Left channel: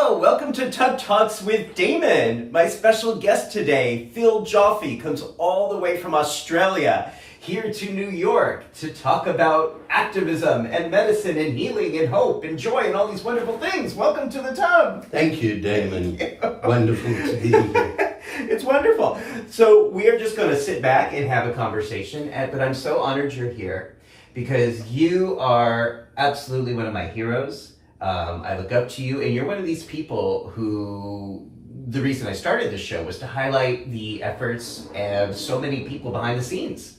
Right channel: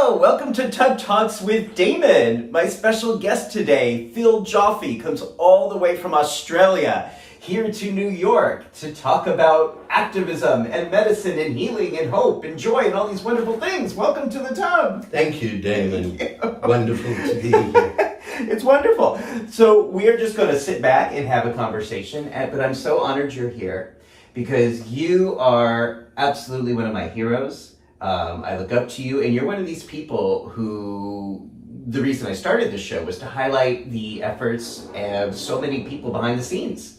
Hello, welcome to Tub Talks with Damon. My special guest today, Joffe, comes all the way from Australia here to New York to talk about activism and medicine and healing and hope and joy and all these wonderful things. Welcome to the tub. Thank you, Damon. Wonderful to be here. It's wonderful. So we are just going to sit back and have a conversation, but I'm so honored you're here because you are absolutely one of my heroes. I look up to you, and you're one of these people who, the reason I started this show was to highlight the efforts of so many people behind the scenes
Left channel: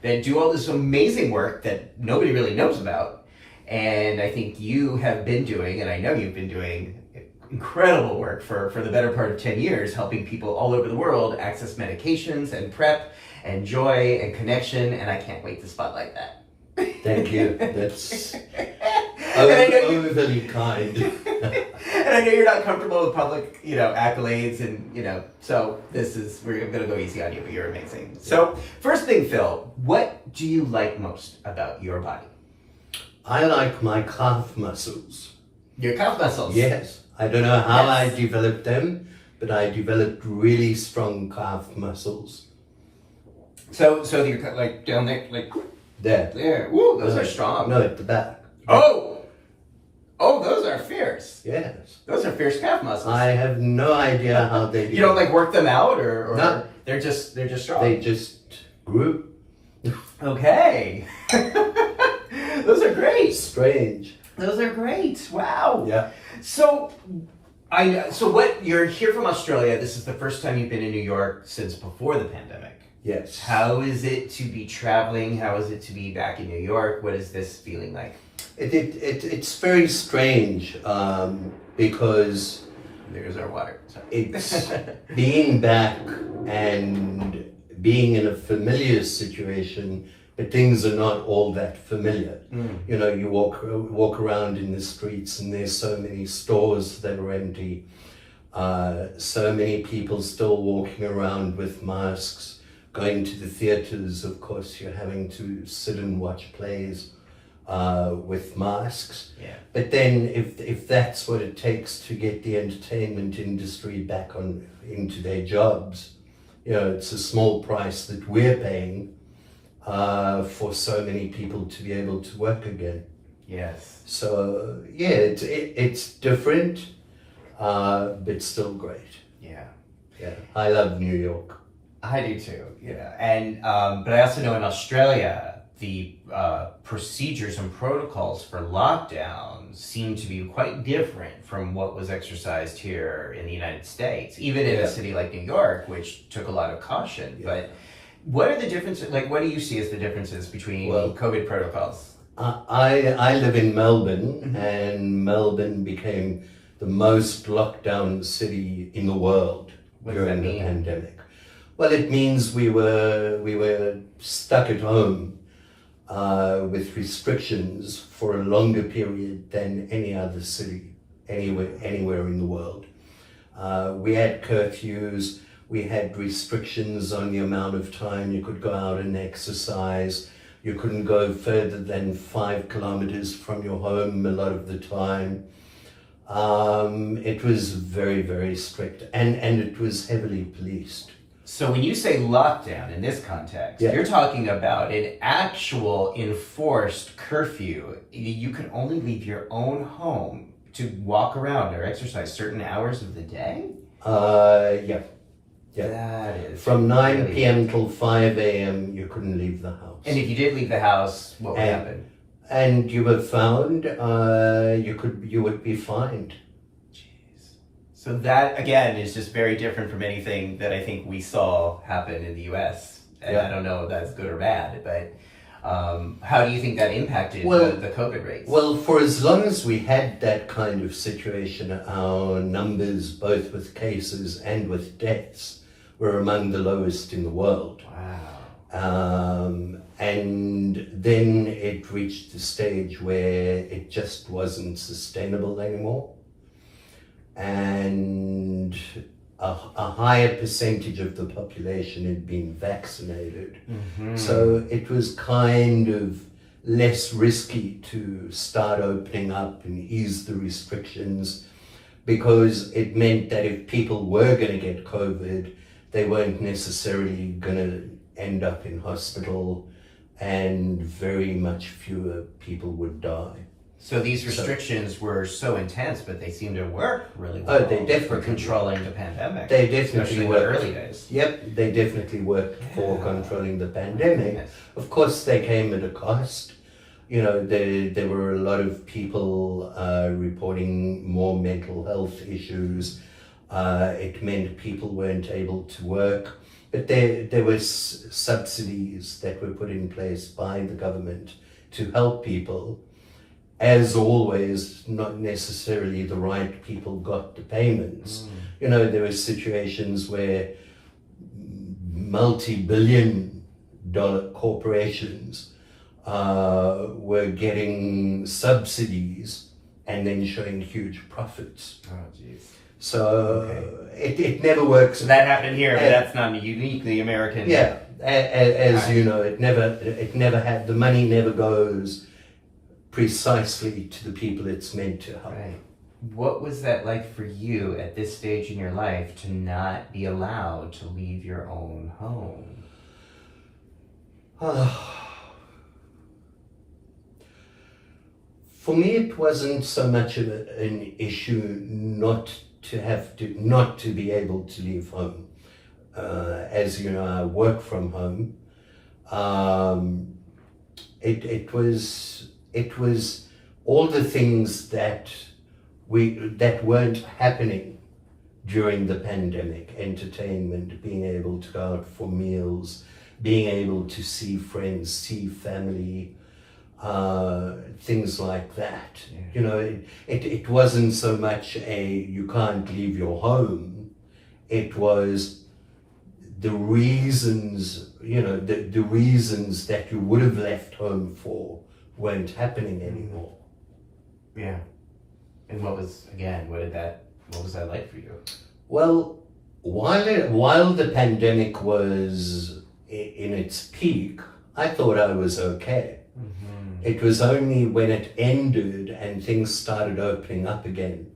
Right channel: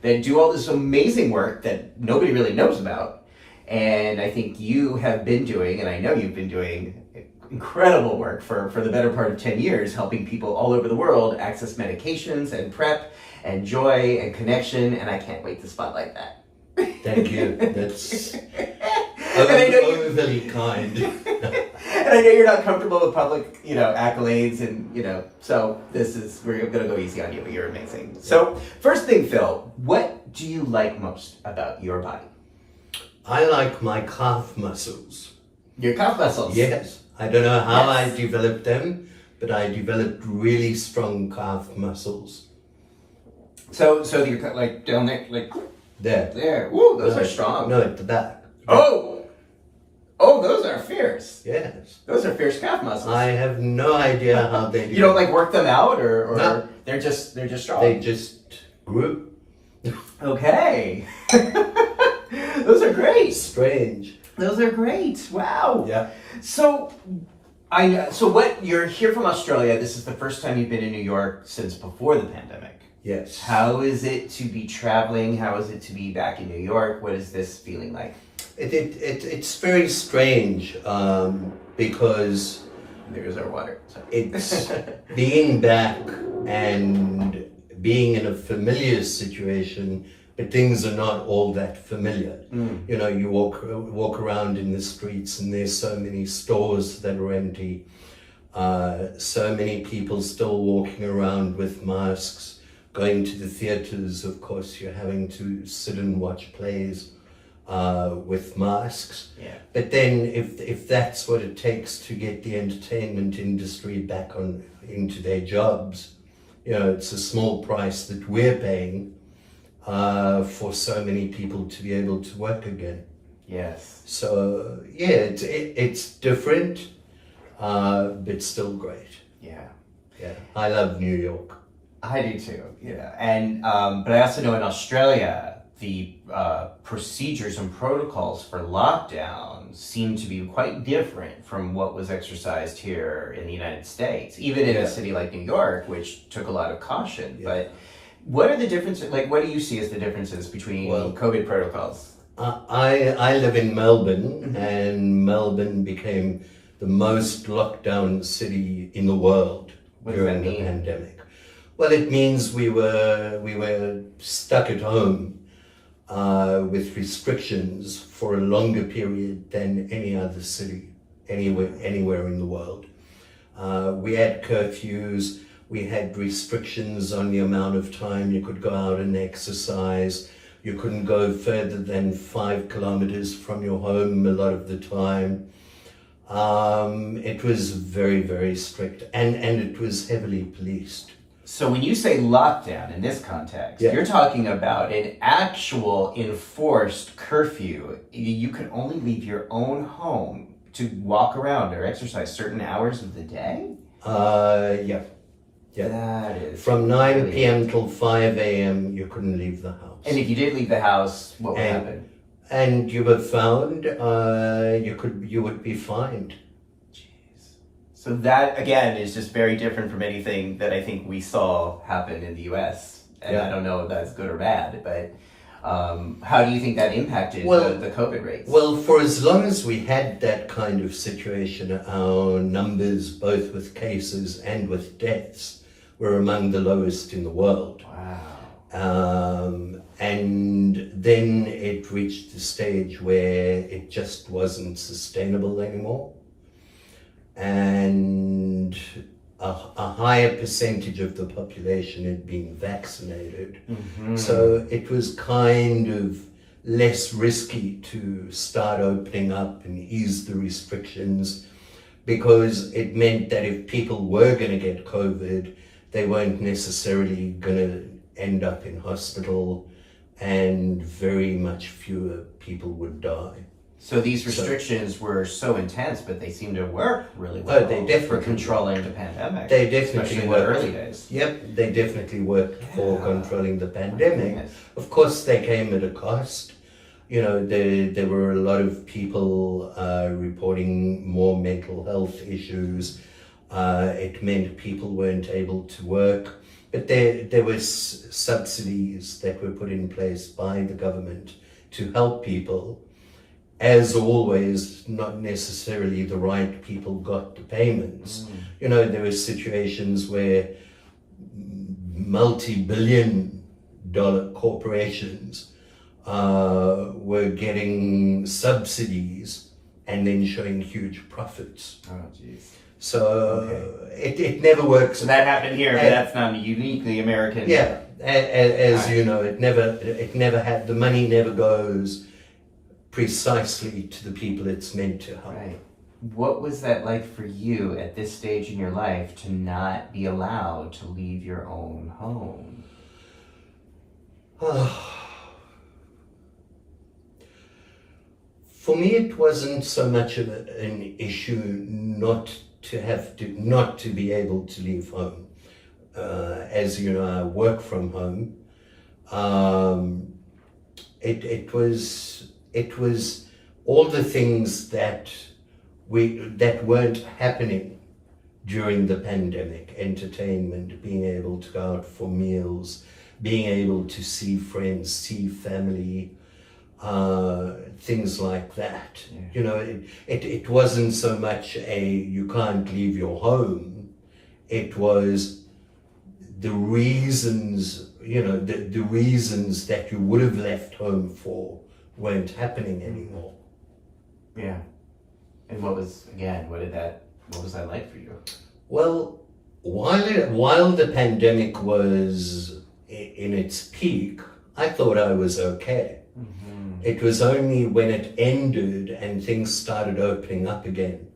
that do all this amazing work that nobody really knows about. And I think you have been doing, and I know you've been doing, incredible work for the better part of 10 years, helping people all over the world access medications and PrEP and joy and connection, and I can't wait to spotlight that. Thank you. That's overly kind. And I know you're not comfortable with public, accolades, and so we're gonna go easy on you, but you're amazing. Yeah. So first thing, Phil, what do you like most about your body? I like my calf muscles. Your calf muscles? Yes. I don't know how I developed them, but I developed really strong calf muscles. So you're like down there, like there. Woo, those are strong. No, at the back. Oh, those are fierce. Yes. Those are fierce calf muscles. I have no idea how they do. You don't work them out, or no. They're just strong. They just grew. Okay. Those are great. Strange. Those are great. Wow. Yeah. So you're here from Australia. This is the first time you've been in New York since before the pandemic. Yes. How is it to be traveling? How is it to be back in New York? What is this feeling like? It's very strange because there's our water. It's being back and being in a familiar situation, but things are not all that familiar. You know, you walk around in the streets and there's so many stores that are empty, so many people still walking around with masks. Going to the theaters, of course, you're having to sit and watch plays with masks. Yeah. But then if that's what it takes to get the entertainment industry back into their jobs, it's a small price that we're paying for so many people to be able to work again. Yes. So yeah, it's different, but still great. Yeah. Yeah, I love New York. I do too, and but I also know in Australia the procedures and protocols for lockdown seem to be quite different from what was exercised here in the United States, even in a city like New York, which took a lot of caution. Yeah. But what are the differences? What do you see as the differences between COVID protocols? I live in Melbourne, and Melbourne became the most lockdown city in the world during the pandemic. Well, it means we were stuck at home with restrictions for a longer period than any other city anywhere in the world. We had curfews, we had restrictions on the amount of time you could go out and exercise. You couldn't go further than 5 kilometers from your home a lot of the time. It was very, very strict, and it was heavily policed. So when you say lockdown in this context, you're talking about an actual enforced curfew. You can only leave your own home to walk around or exercise certain hours of the day? Yeah. That is from 9 p.m. till 5 a.m. you couldn't leave the house. And if you did leave the house, what would happen? And you were found, you would be fined. So that, again, is just very different from anything that I think we saw happen in the U.S. And I don't know if that's good or bad, but how do you think that impacted the COVID rates? Well, for as long as we had that kind of situation, our numbers, both with cases and with deaths, were among the lowest in the world. Wow. And then it reached the stage where it just wasn't sustainable anymore. And a higher percentage of the population had been vaccinated. Mm-hmm. So it was kind of less risky to start opening up and ease the restrictions. because it meant that if people were going to get COVID, they weren't necessarily going to end up in hospital, and very much fewer people would die. So these restrictions were so intense, but they seem to work really well. Oh, they definitely for controlling the pandemic. They definitely especially in worked. the early days. Yep, they definitely worked for controlling the pandemic. Yes. Of course, they came at a cost. You know, there were a lot of people reporting more mental health issues. It meant people weren't able to work. But there were subsidies that were put in place by the government to help people. As always, not necessarily the right people got the payments. You know, there were situations where multi-billion-dollar corporations were getting subsidies and then showing huge profits. Oh, jeez. So it never works. So that happened here, but that's not uniquely American. Yeah, as you know, it never had, the money never goes precisely to the people it's meant to help. Right. What was that like for you at this stage in your life to not be allowed to leave your own home? For me, it wasn't so much of an issue not to be able to leave home. As you know, I work from home. It was all the things that weren't happening during the pandemic: entertainment, being able to go out for meals, being able to see friends, see family, things like that. Yeah. You know, it wasn't so much you can't leave your home. It was the reasons, you know, the reasons that you would have left home for weren't happening anymore. Yeah. And what was that like for you? Well, while the pandemic was in its peak, I thought I was okay. Mm-hmm. It was only when it ended and things started opening up again,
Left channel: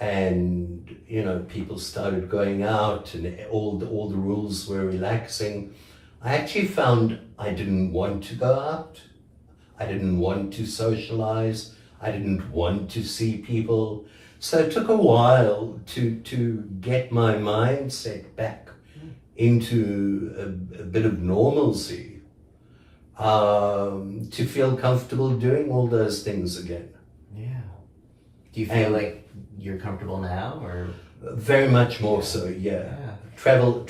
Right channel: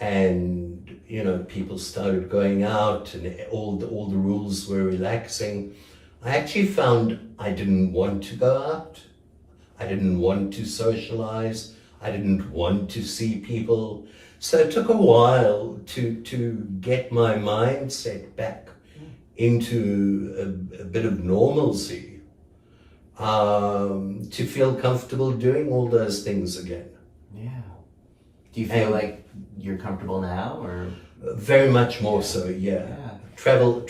and you know, people started going out and all the rules were relaxing, I actually found I didn't want to go out. I didn't want to socialize. I didn't want to see people. So it took a while to get my mindset back into a bit of normalcy, to feel comfortable doing all those things again. Yeah. Do you feel like you're comfortable now, or? Very much more so, yeah. Travel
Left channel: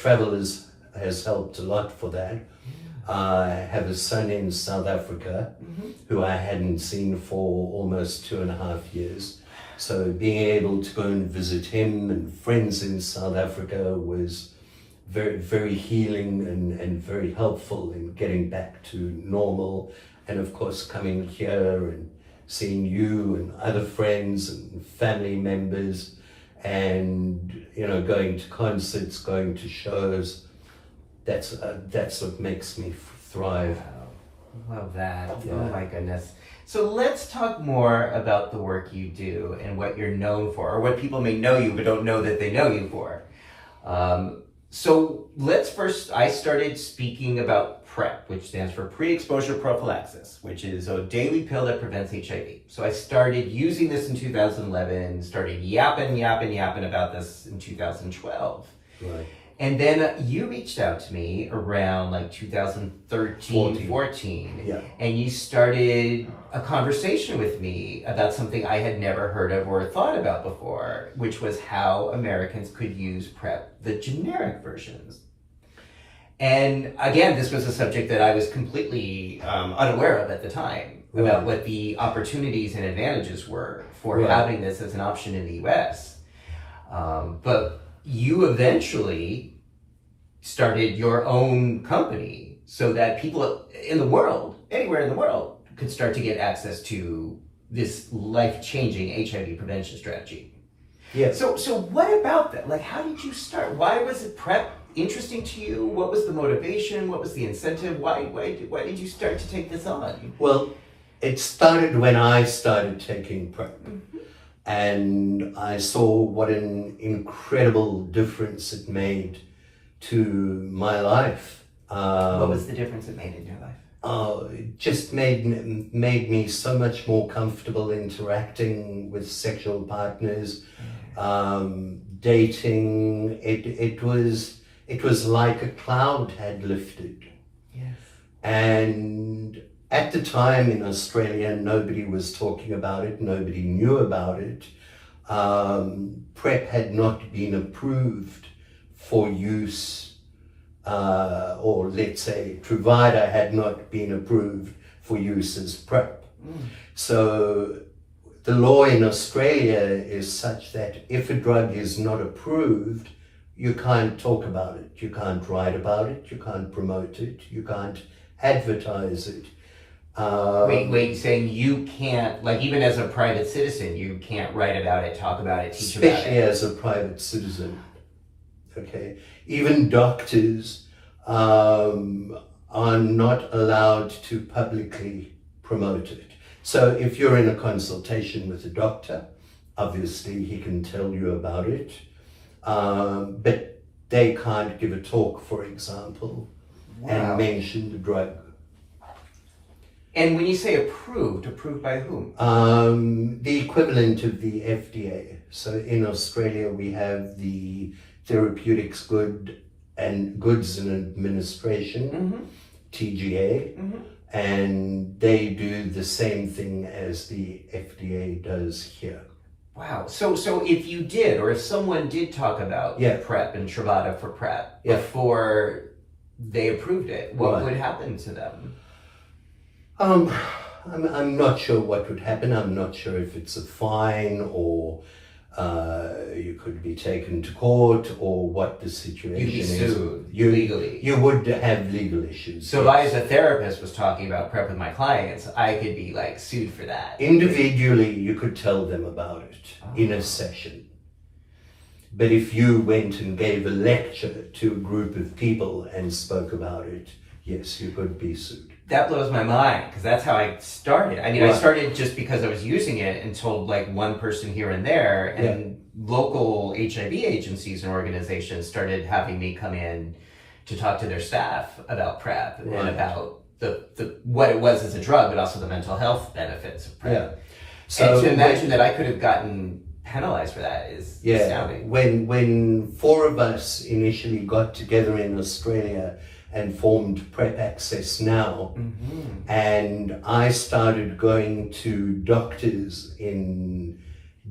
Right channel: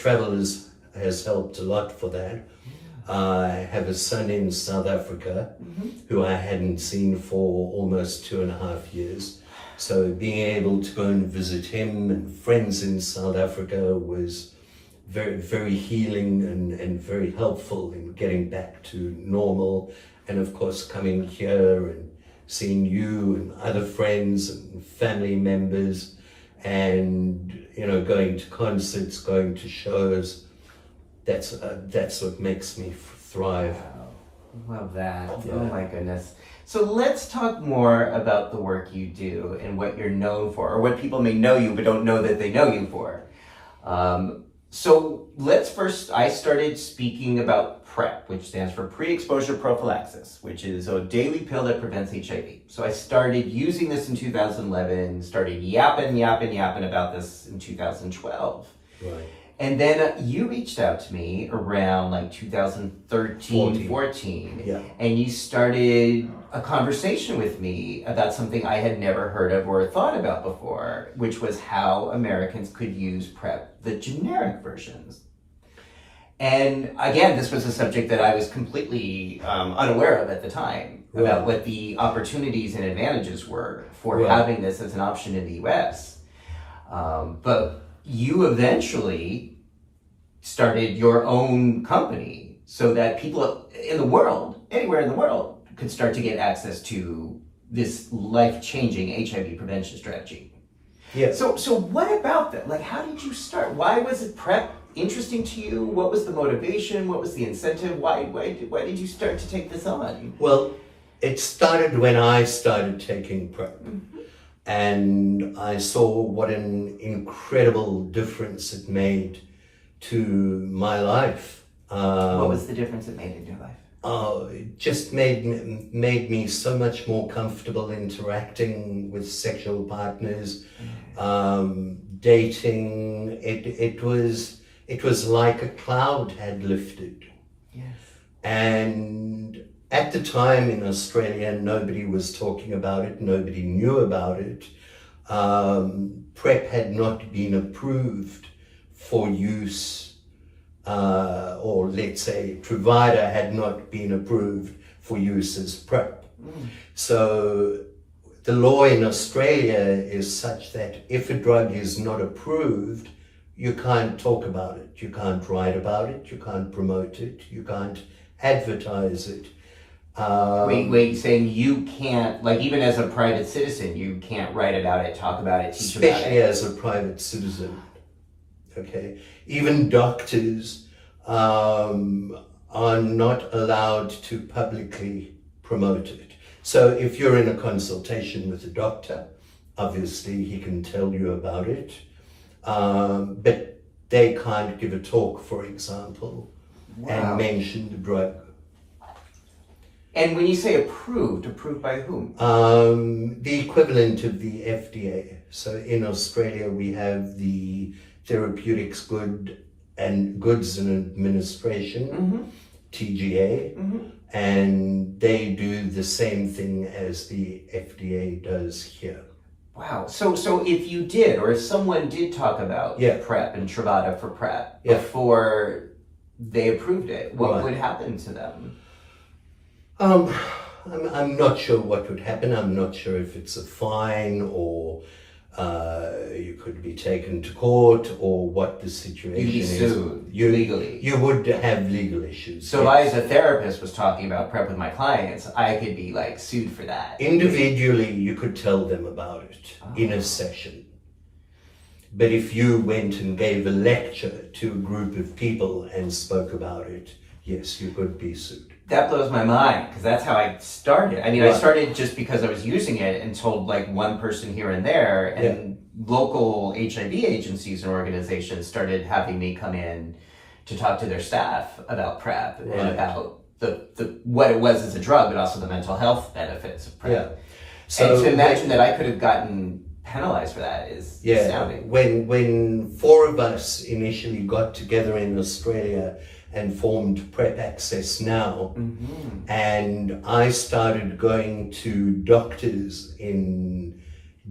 has helped a lot for that. I have a son in South Africa who I hadn't seen for almost 2.5 years. So being able to go and visit him and friends in South Africa was very, very healing and very helpful in getting back to normal. And of course, coming here and seeing you and other friends and family members, and you know, going to concerts, going to shows. That's what makes me thrive. Wow. Love that. Yeah. Oh my goodness. So let's talk more about the work you do and what you're known for, or what people may know you but don't know that they know you for. So let's first, I started speaking about PrEP, which stands for pre-exposure prophylaxis, which is a daily pill that prevents HIV. So I started using this in 2011, started yapping about this in 2012. Right. And then you reached out to me around like 2013, 14, yeah. And you started a conversation with me about something I had never heard of or thought about before, which was how Americans could use PrEP, the generic versions. And again, this was a subject that I was completely unaware of at the time, about what the opportunities and advantages were for having this as an option in the US. But you eventually started your own company so that people in the world, anywhere in the world, could start to get access to this life-changing HIV prevention strategy. Yeah. So what about that? Like, how did you start? Why was it PrEP interesting to you? What was the motivation? What was the incentive? Why did you start to take this on? Well, it started when I started taking PrEP. And I saw what an incredible difference it made to my life. What was the difference it made in your life? Oh, it just made me so much more comfortable interacting with sexual partners, dating. It was like a cloud had lifted. Yes. And at the time in Australia, nobody was talking about it. Nobody knew about it. PrEP had not been approved for use. Or let's say Truvada had not been approved for use as PrEP. So the law in Australia is such that if a drug is not approved, you can't talk about it, you can't write about it, you can't promote it, you can't advertise it. Wait, saying you can't, like even as a private citizen, you can't write about it, talk about it, teach about it? Especially as a private citizen. Okay, even doctors are not allowed to publicly promote it. So if you're in a consultation with a doctor, obviously he can tell you about it, but they can't give a talk, for example, and mention the drug. And when you say approved by whom? The equivalent of the FDA. So in Australia we have the Therapeutics Goods and Administration, TGA, and they do the same thing as the FDA does here. Wow. So if you did, or if someone did talk about PrEP and Truvada for PrEP before they approved it, what would happen to them? I'm not sure what would happen. I'm not sure if it's a fine or you could be taken to court or what the situation is. You'd be sued legally. You would have legal issues. So if I as a therapist was talking about PrEP with my clients, I could be like sued for that. Individually, you could tell them about it in a session. But if you went and gave a lecture to a group of people and spoke about it, yes, you could be sued. That blows my mind, because that's how I started. I mean, I started just because I was using it and told like one person here and there, and local HIV agencies and organizations started having me come in to talk to their staff about PrEP and about the what it was as a drug, but also the mental health benefits of PrEP. Yeah. So and to imagine that I could have gotten penalized for that is astounding. When four of us initially got together in Australia and formed PrEP Access Now, and I started going to doctors in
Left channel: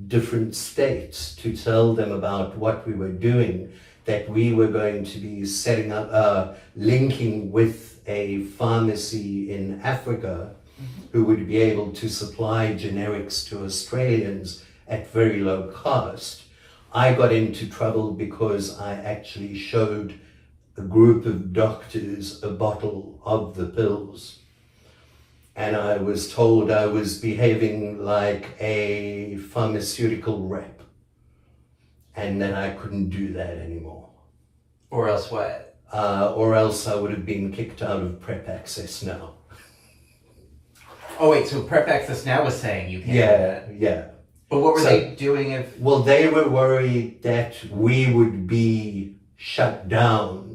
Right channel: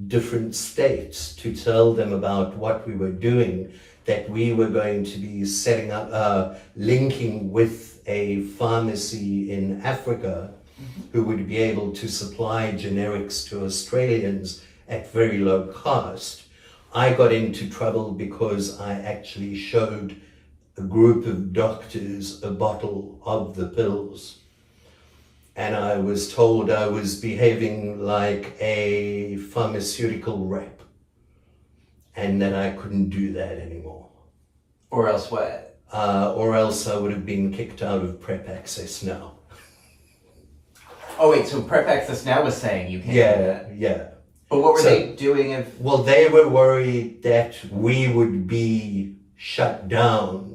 different states to tell them about what we were doing, that we were going to be setting up, linking with a pharmacy in Africa who would be able to supply generics to Australians at very low cost. I got into trouble because I actually showed a group of doctors a bottle of the pills, and I was told I was behaving like a pharmaceutical rep and that I couldn't do that anymore. Or else what? Or else I would have been kicked out of PrEP Access Now. Oh wait, so PrEP Access Now was saying you can't do that? Yeah. But what were they doing if... Well, they were worried that we would be shut down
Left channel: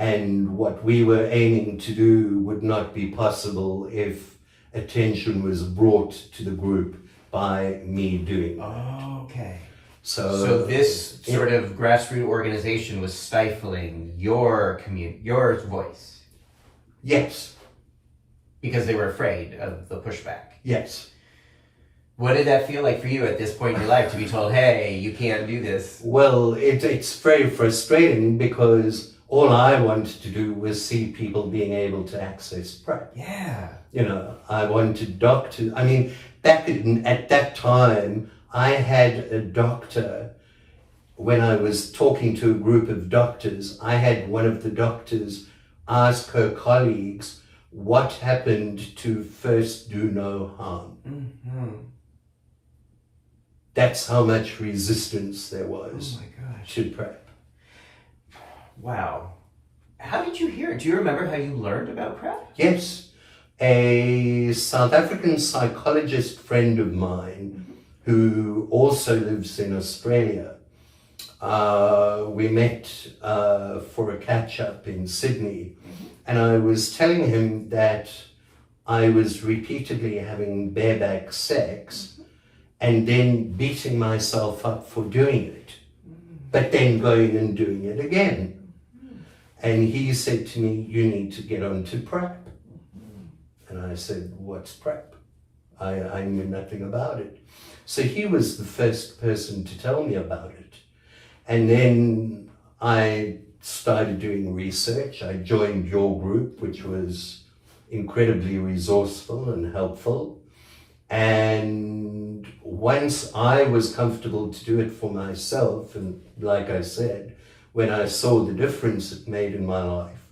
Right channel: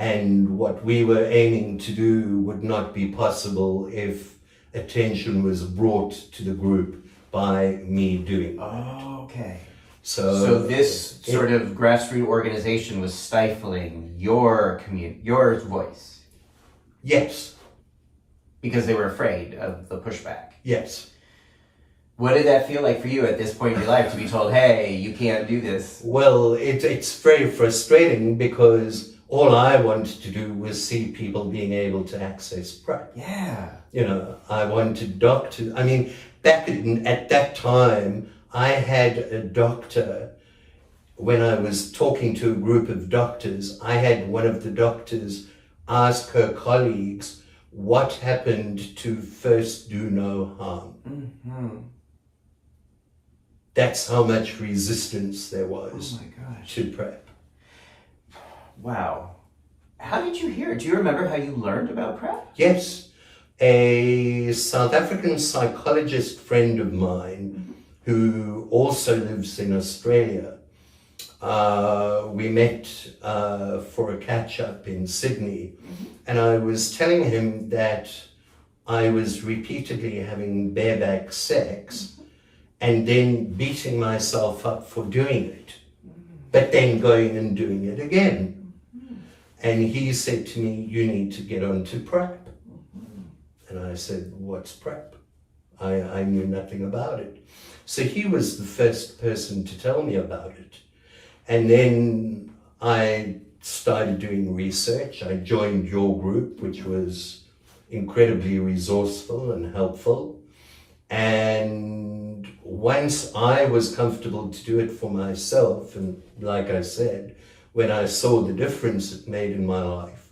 and what we were aiming to do would not be possible if attention was brought to the group by me doing that. Oh, okay. So this sort of grassroots organization was stifling your voice? Yes. Because they were afraid of the pushback? Yes. What did that feel like for you at this point in your life, to be told, hey, you can't do this? Well, it's very frustrating because all I wanted to do was see people being able to access PrEP. Yeah. You know, I wanted doctors. I mean, at that time, I had a doctor, when I was talking to a group of doctors, I had one of the doctors ask her colleagues what happened to First Do No Harm. That's how much resistance there was to PrEP. Wow. How did you hear it? Do you remember how you learned about PrEP? Yes. A South African psychologist friend of mine who also lives in Australia. We met for a catch-up in Sydney, and I was telling him that I was repeatedly having bareback sex and then beating myself up for doing it, but then going and doing it again. And he said to me, you need to get onto PrEP. And I said, what's PrEP? I knew nothing about it. So he was the first person to tell me about it. And then I started doing research. I joined your group, which was incredibly resourceful and helpful. And once I was comfortable to do it for myself, and like I said, when I saw the difference it made in my life,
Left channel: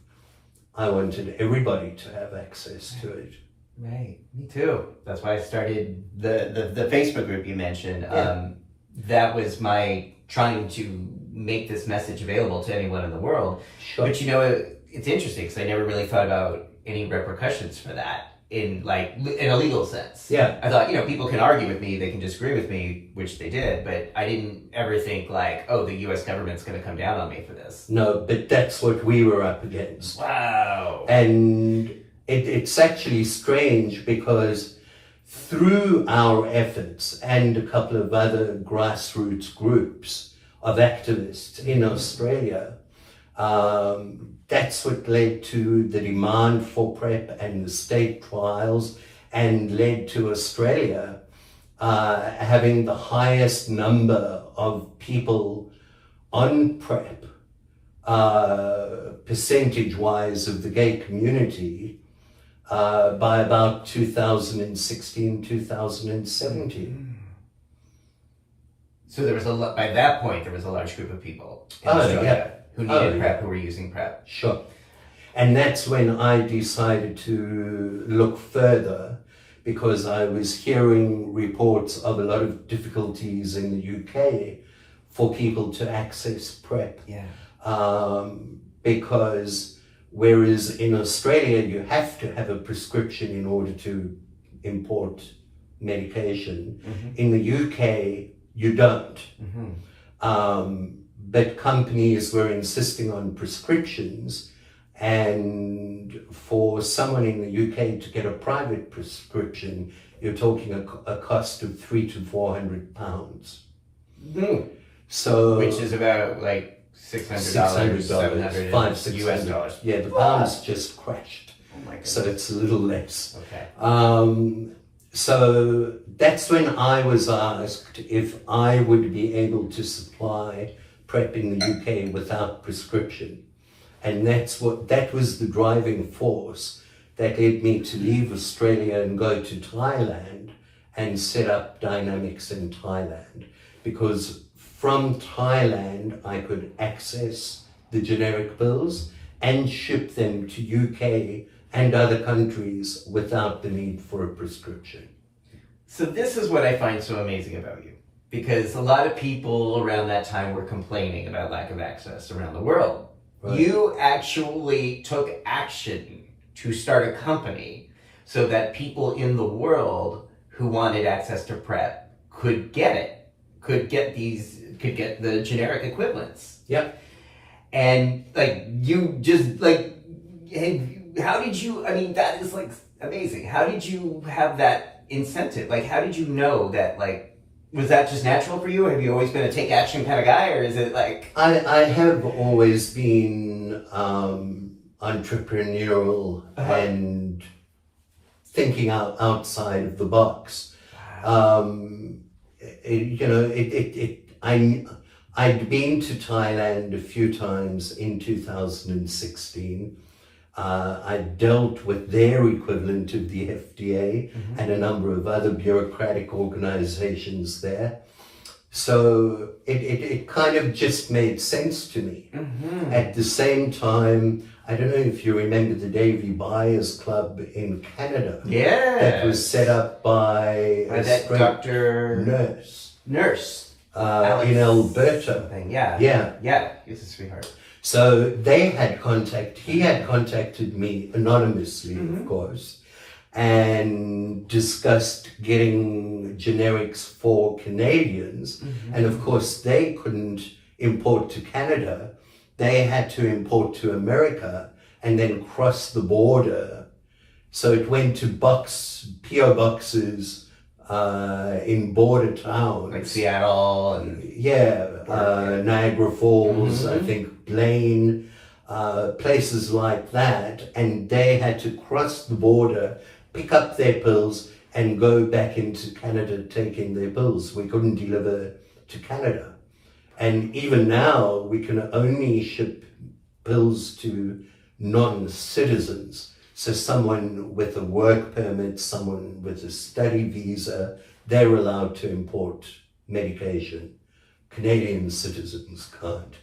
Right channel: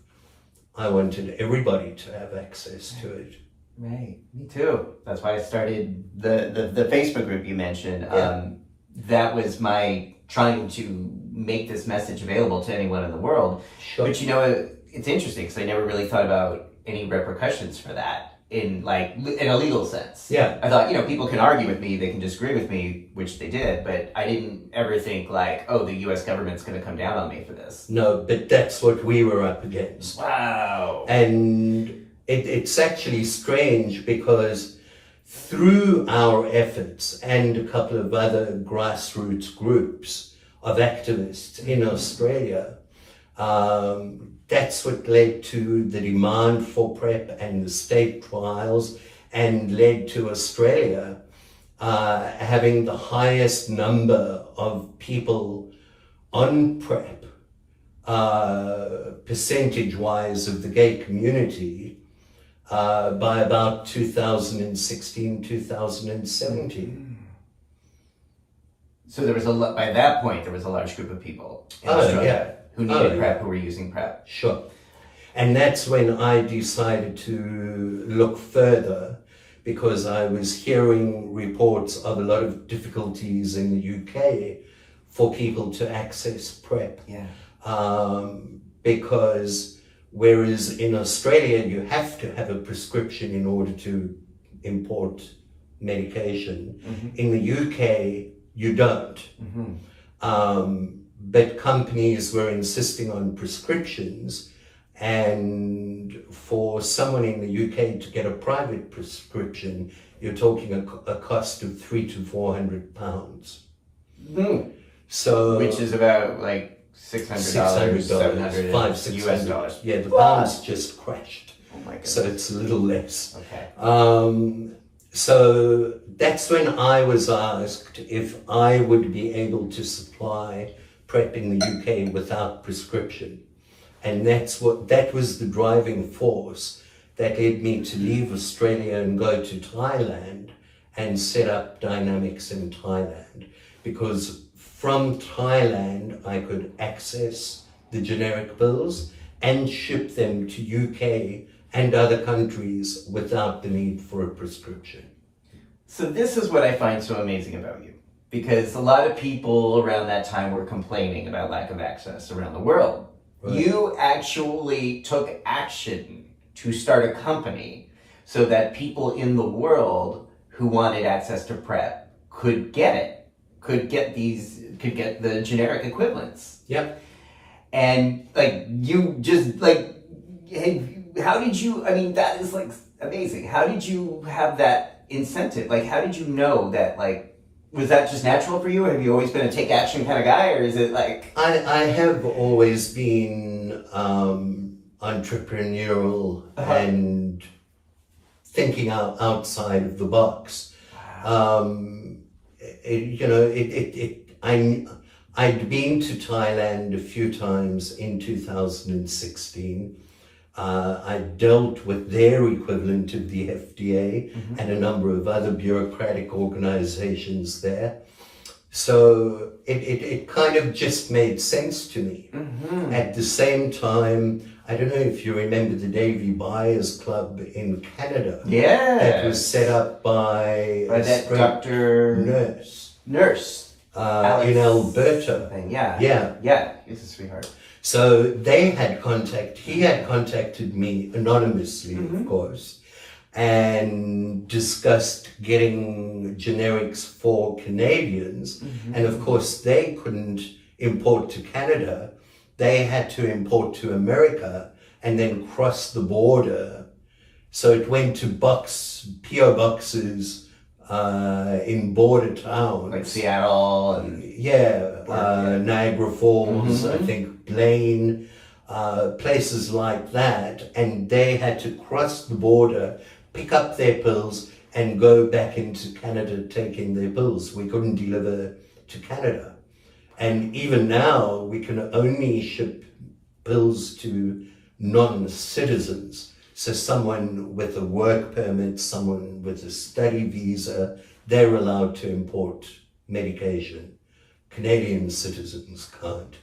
I wanted everybody to have access to it. Right, me too. That's why I started the Facebook group you mentioned. Yeah. That was my trying to make this message available to anyone in the world. Sure. But you know, it's interesting because I never really thought about any repercussions for that in a legal sense. Yeah. I thought, you know, people can argue with me, they can disagree with me, which they did, but I didn't ever think like, oh, the US government's going to come down on me for this. No, but that's what we were up against. Wow. And it's actually strange because through our efforts and a couple of other grassroots groups of activists in Australia, that's what led to the demand for PrEP and the state trials, and led to Australia having the highest number of people on PrEP, percentage-wise of the gay community, by about 2016, 2017. So there was by that point, there was a large group of people in Australia who needed PrEP, who were using PrEP. Sure. And that's when I decided to look further, because I was hearing reports of a lot of difficulties in the UK for people to access PrEP. Yeah. Because whereas in Australia you have to have a prescription in order to import medication, in the UK you don't. But companies were insisting on prescriptions, and for someone in the UK to get a private prescription, you're talking a cost of £300 to £400. So, which is about like $600, $700, $500-$600. Yeah, the pounds just crashed. Oh my goodness. So it's a little less. Okay. So that's when I was asked if I would be able to supply PrEP in the UK without prescription. And that was the driving force that led me to leave Australia and go to Thailand and set up Dynamix in Thailand. Because from Thailand, I could access the generic pills and ship them to UK and other countries without the need for a prescription. So this is what I find so amazing about you, because a lot of people around that time were complaining about lack of access around the world. Right. You actually took action to start a company so that people in the world who wanted access to PrEP could get it, could get the generic equivalents. Yep. And you just how did you, I mean, that is amazing. How did you have that incentive? How did you know that, was that just natural for you? Have you always been a take action kind of guy, or is it I have always been entrepreneurial and thinking outside of the box. I'd been to Thailand a few times in 2016. I dealt with their equivalent of the FDA and a number of other bureaucratic organizations there. So it kind of just made sense to me. At the same time, I don't know if you remember the Davy Buyers Club in Canada. Yeah. That was set up by that Dr. Nurse. In Alberta. Yeah. He's a sweetheart. So he had contacted me anonymously, of course, and discussed getting generics for Canadians. And of course, they couldn't import to Canada. They had to import to America and then cross the border. So it went to PO boxes in border towns. Like Seattle and... Niagara Falls, I think Blaine, places like that. And they had to cross the border, pick up their pills, and go back into Canada taking their pills. We couldn't deliver to Canada. And even now, we can only ship pills to non-citizens. So someone with a work permit, someone with a study visa, they're allowed to import medication. Canadian citizens can't.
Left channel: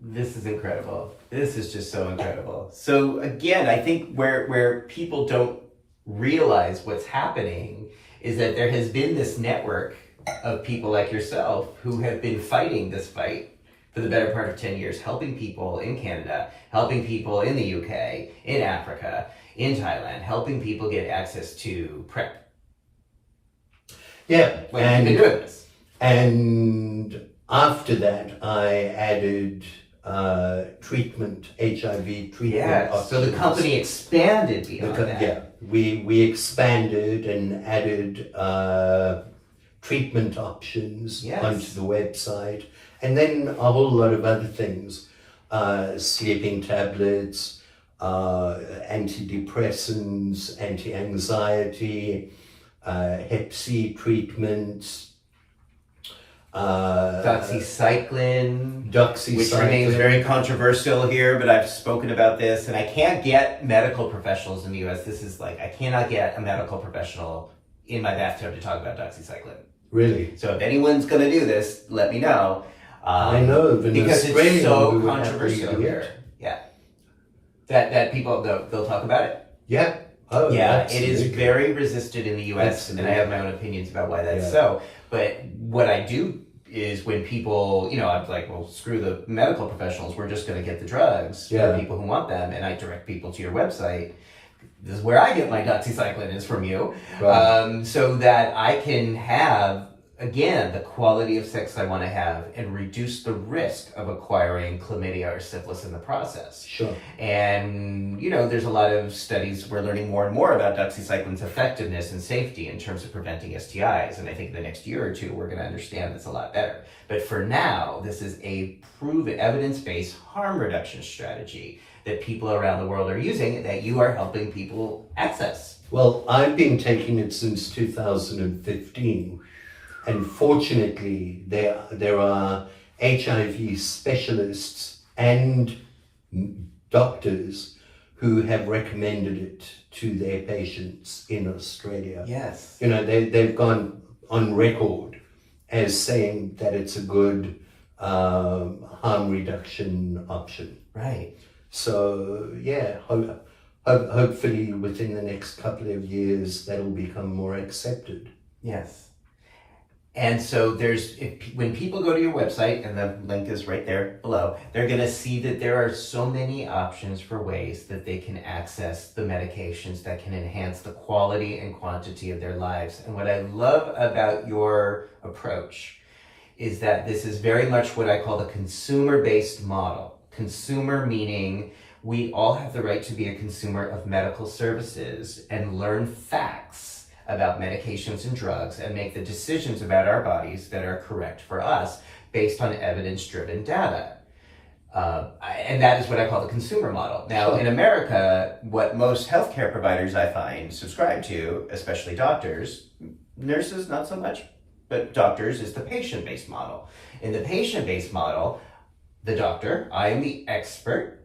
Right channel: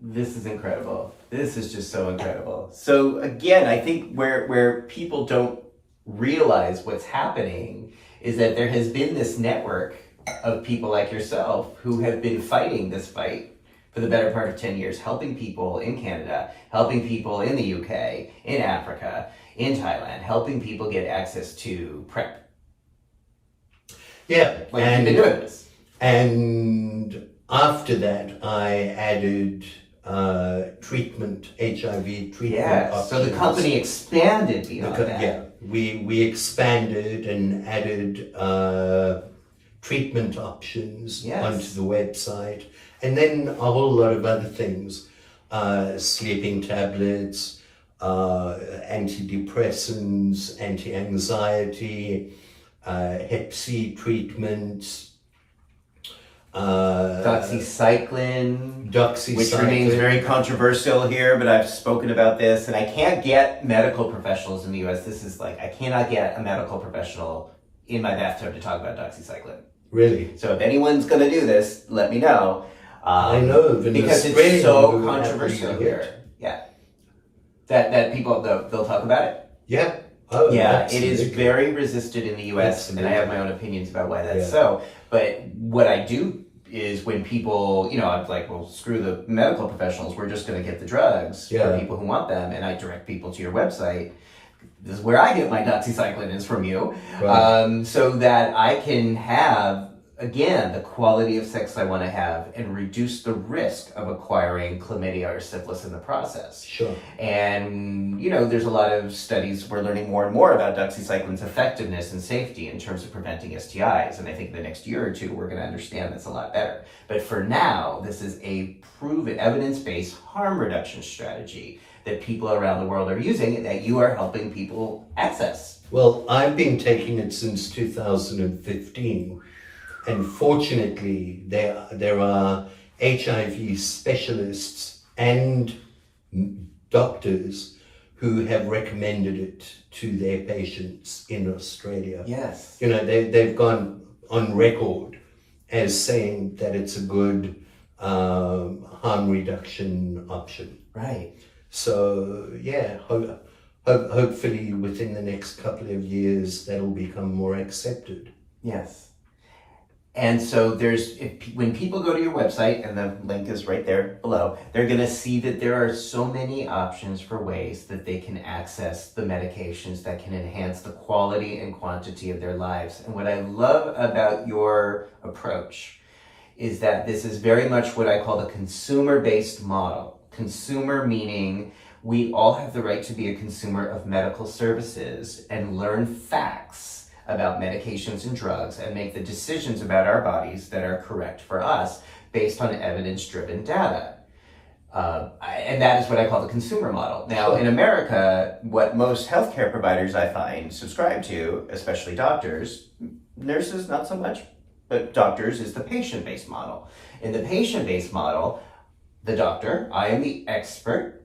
This is incredible. This is just so incredible. So again, I think where people don't realize what's happening is that there has been this network of people like yourself who have been fighting this fight for the better part of 10 years, helping people in Canada, helping people in the UK, in Africa, in Thailand, helping people get access to PrEP. Yeah. Like, you've been doing this. And after that, I added treatment, HIV treatment options. So the company expanded beyond that. Yeah, we expanded and added treatment options onto the website, and then a whole lot of other things, sleeping tablets, antidepressants, anti-anxiety, Hep C treatments, doxycycline, which remains very controversial here, but I've spoken about this, and I can't get medical professionals in the US. This is like, I cannot get a medical professional in my bathtub to talk about doxycycline. Really? So if anyone's going to do this, let me know. I know, because it's so controversial here. Yeah. That people, they'll talk about it? Yeah. Oh, yeah, it is very resisted in the US, and I have my own opinions about why that's so. But what I do is when people, I'm like, well, screw the medical professionals, we're just going to get the drugs for people who want them, and I direct people to your website. This is where I get my doxycycline is from you, so that I can have, again, the quality of sex I want to have and reduce the risk of acquiring chlamydia or syphilis in the process. Sure. And, there's a lot of studies, we're learning more and more about doxycycline's effectiveness and safety in terms of preventing STIs. And I think in the next year or two, we're going to understand this a lot better. But for now, this is a proven evidence-based harm reduction strategy that people around the world are using that you are helping people access. Well, I've been taking it since 2015. And fortunately, there are HIV specialists and doctors who have recommended it to their patients in Australia. Yes. They've gone on record as saying that it's a good harm reduction option. Right. So, hopefully within the next couple of years, that'll become more accepted. Yes. And so when people go to your website, and the link is right there below, they're going to see that there are so many options for ways that they can access the medications that can enhance the quality and quantity of their lives. And what I love about your approach is that this is very much what I call the consumer-based model. Consumer meaning we all have the right to be a consumer of medical services and learn facts about medications and drugs and make the decisions about our bodies that are correct for us based on evidence-driven data. And that is what I call the consumer model. Now, in America, what most healthcare providers I find subscribe to, especially doctors, nurses not so much, but doctors, is the patient-based model. In the patient-based model, the doctor, I am the expert.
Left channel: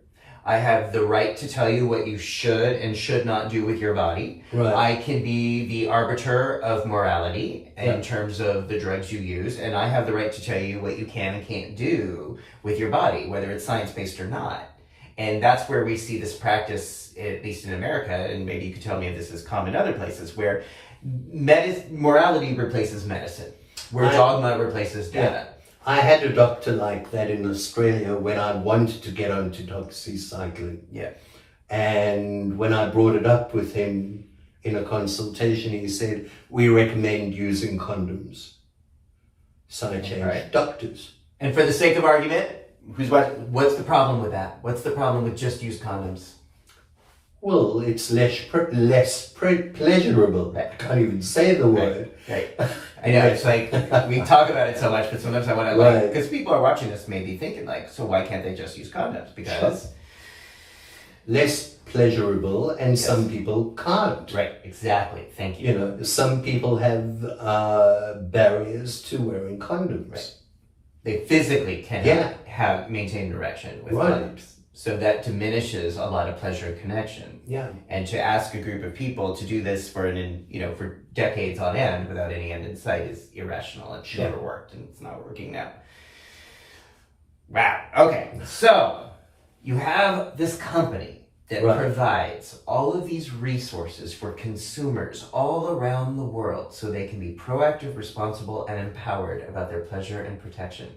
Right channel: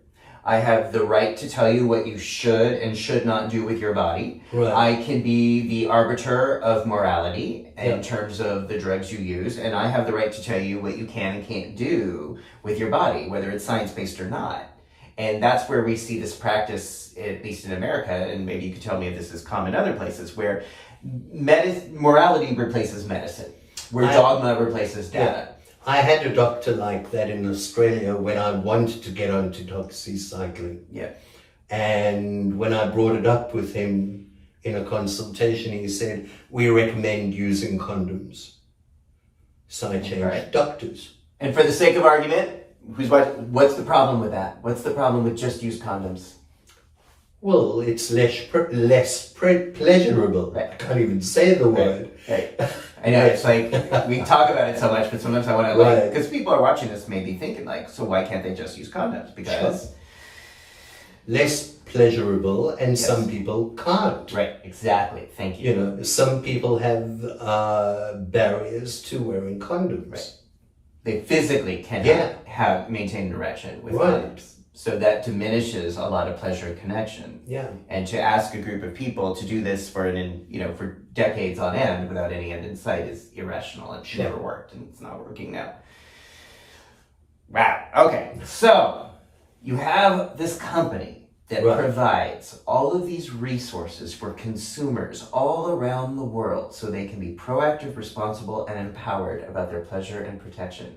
I have the right to tell you what you should and should not do with your body. Right. I can be the arbiter of morality in terms of the drugs you use, and I have the right to tell you what you can and can't do with your body, whether it's science-based or not. And that's where we see this practice, at least in America, and maybe you could tell me if this is common in other places, where morality replaces medicine, where dogma replaces data. I had a doctor like that in Australia when I wanted to get onto doxycycline. Yeah. And when I brought it up with him in a consultation, he said, we recommend using condoms. So I changed doctors. And for the sake of argument, what's the problem with that? What's the problem with just use condoms? Well, it's less pleasurable. Right. I can't even say the word. Right. I know, it's like, we talk about it so much, but sometimes I want to, because people are watching this maybe thinking like, so why can't they just use condoms? Because... Less pleasurable, and some people can't. Right, exactly. Thank you. You know, some people have barriers to wearing condoms. Right. They physically cannot maintain an erection with condoms. So that diminishes a lot of pleasure and connection. Yeah. And to ask a group of people to do this for for decades on end without any end in sight is irrational. It's never worked, and it's not working now. Wow. Okay. So you have this company that provides all of these resources for consumers all around the world so they can be proactive, responsible, and empowered about their pleasure and protection.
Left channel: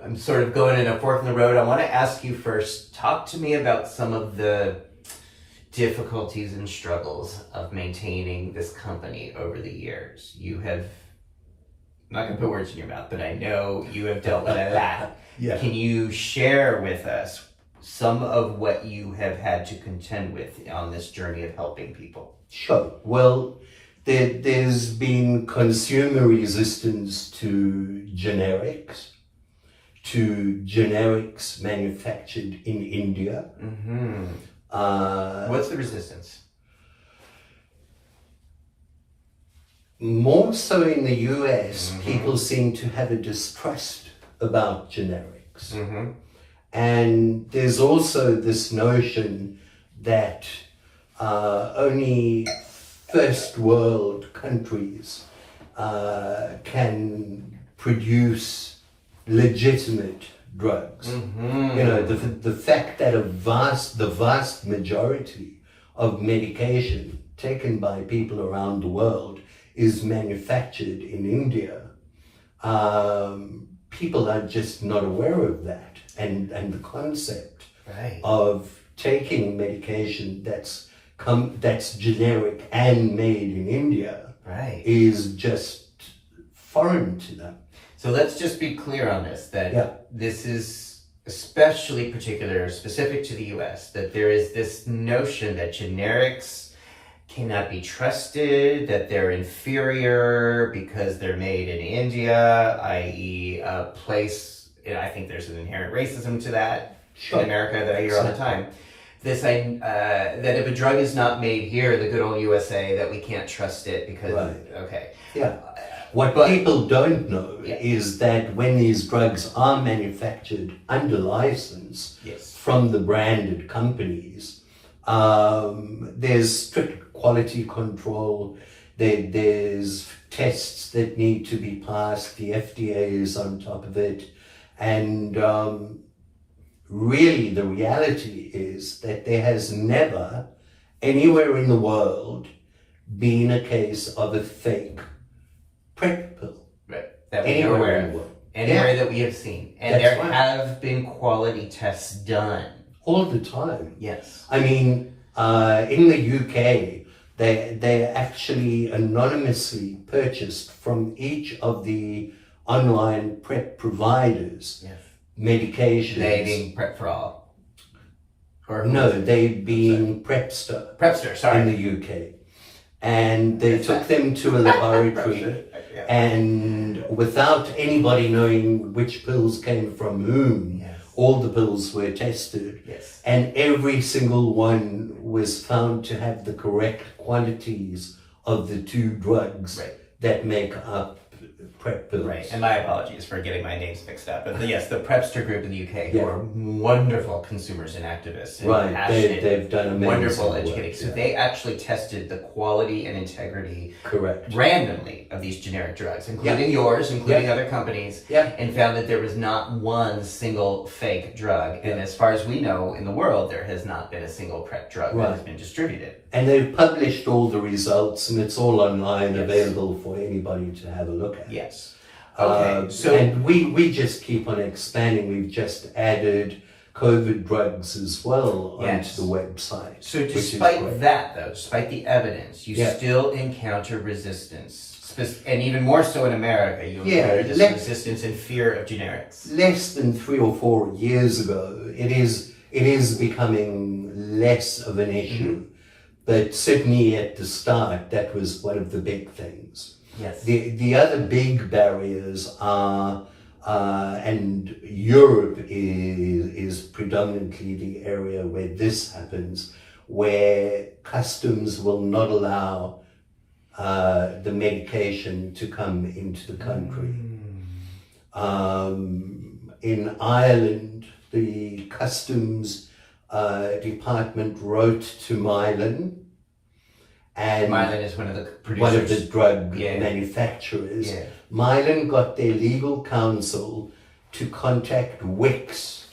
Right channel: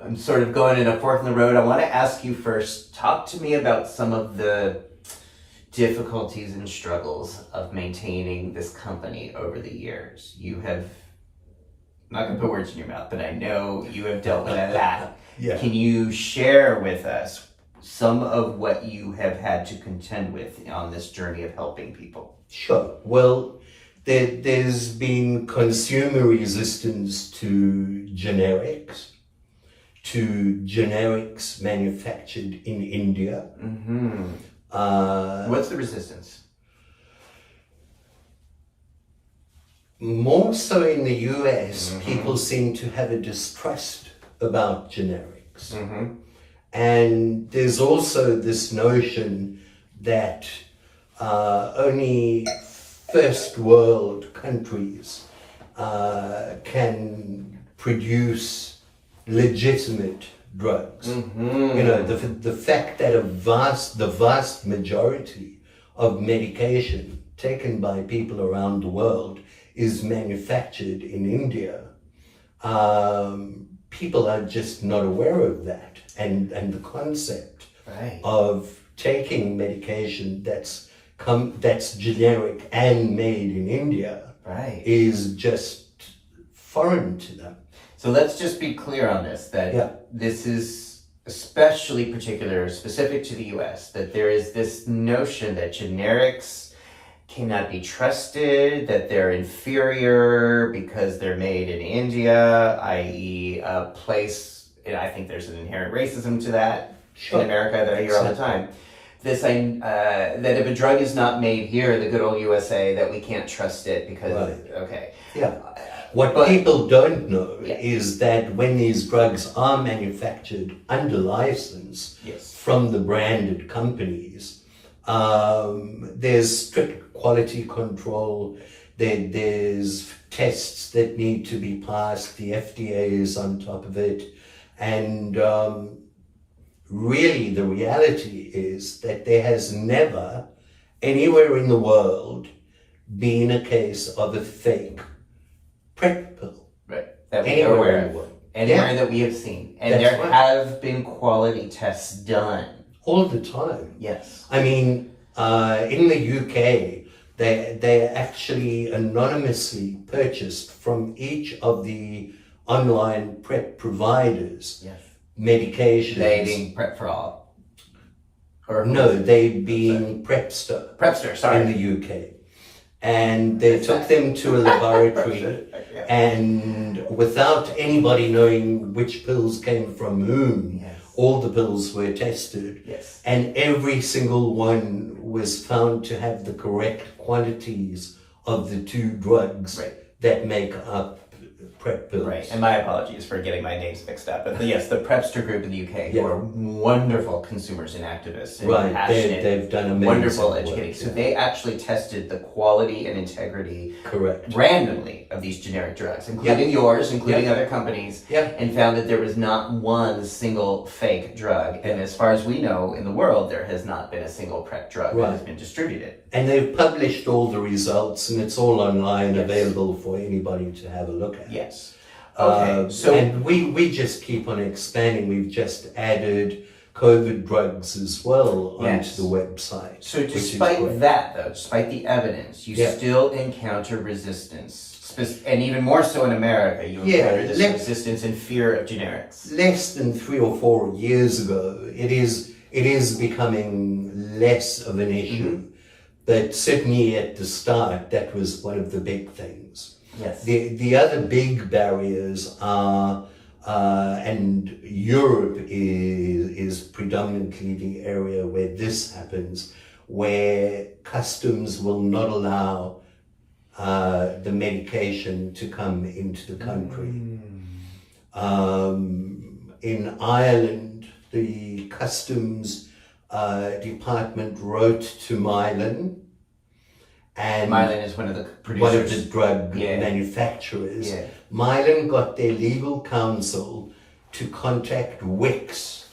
I'm sort of going in a fork in the road. I want to ask you first, talk to me about some of the difficulties and struggles of maintaining this company over the years. You have, I'm not going to put words in your mouth, but I know you have dealt with that. Yeah. Can you share with us some of what you have had to contend with on this journey of helping people? Sure. Well, there's been consumer resistance to generics manufactured in India. Mm-hmm. What's the resistance? More so in the US, people seem to have a distrust about generics. Mm-hmm. And there's also this notion that only first world countries can produce legitimate drugs. Mm-hmm. You know, the fact that the vast majority of medication taken by people around the world is manufactured in India, people are just not aware of that. And the concept of taking medication that's generic and made in India is just foreign to them. So let's just be clear on this, that this is especially specific to the US, that there is this notion that generics cannot be trusted, that they're inferior because they're made in India, i.e. a place, I think there's an inherent racism to that in America that I hear all the time. That if a drug is not made here, the good old USA, that we can't trust it because, What people don't know is that when these drugs are manufactured under license from the branded companies, there's strict quality control, there's tests that need to be passed, the FDA is on top of it, and really the reality is that there has never, anywhere in the world, been a case of a fake PrEP pill. That we are aware of. Anywhere that we have seen. And there have been quality tests done. All the time. Yes. I mean, in the UK, they actually anonymously purchased from each of the online PrEP providers medications. They being PrEP for All? Or no, they being Prepster. Prepster, sorry. In the UK. And they took them to a laboratory and without anybody knowing which pills came from whom, all the pills were tested. Yes. And every single one was found to have the correct quantities of the two drugs that make up PrEP pills. Right, and my apologies for getting my names mixed up. But yes, the Prepster group in the UK, who are wonderful consumers and activists. And passionate, they've done amazing wonderful work, educating. So they actually tested the quality and integrity randomly of these generic drugs, including yours, including other companies, and found that there was not one single fake drug. And as far as we know, in the world, there has not been a single PrEP drug that has been distributed. And they've published all the results, and it's all online, available for anybody to have a look at. Yes. Okay. And we just keep on expanding. We've just added COVID drugs as well onto Yes. the website. So which is despite great. that, though, despite the evidence, you Yeah. still encounter resistance. And even more so in America, you Yeah, encounter this resistance and fear of generics. Less than 3 or 4 years ago, it is becoming less of an issue. But certainly at the start, that was one of the big things. Yes. The other big barriers are, and Europe is predominantly the area where this happens, where customs will not allow the medication to come into the country. In Ireland, the customs department wrote to Mylan, and Mylan is one of the producers. one of the drug Yeah. manufacturers. Yeah. Mylan got their legal counsel to contact Wix,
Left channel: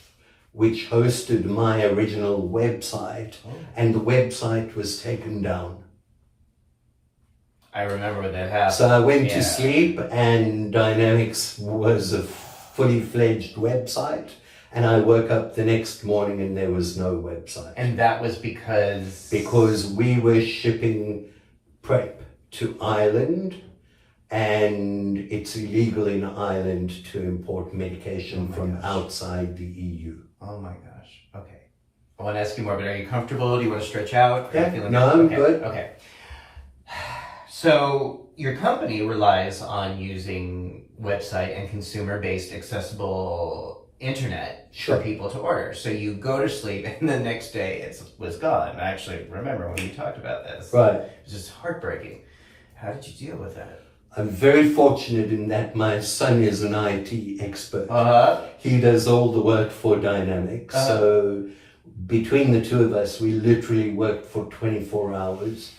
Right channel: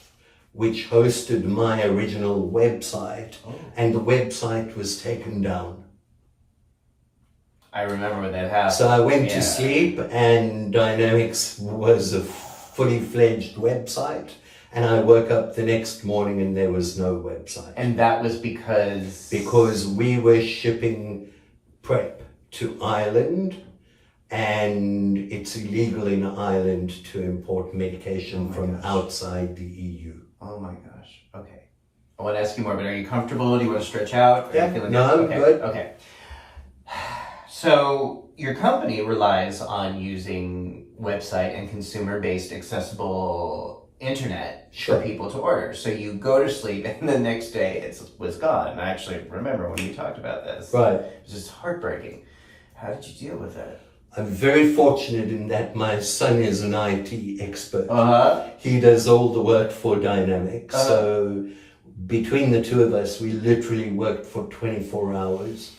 which hosted my original website, and the website was taken down. I remember when that happened. So I went to sleep, and Dynamix was a fully fledged website, and I woke up the next morning and there was no website. And that was because... Because we were shipping PrEP to Ireland, and it's illegal in Ireland to import medication from outside the EU. Oh my gosh. Okay. I want to ask you more, but are you comfortable? Do you want to stretch out? Yeah. No, I'm good. Okay. So your company relies on using website and consumer-based accessible internet Sure. for people to order. So you go to sleep and the next day it was gone. I actually remember when you talked about this. Right. It was just heartbreaking. How did you deal with it? I'm very fortunate in that my son is an IT expert. Uh-huh. He does all the work for Dynamix. So between the two of us, we literally worked for 24 hours.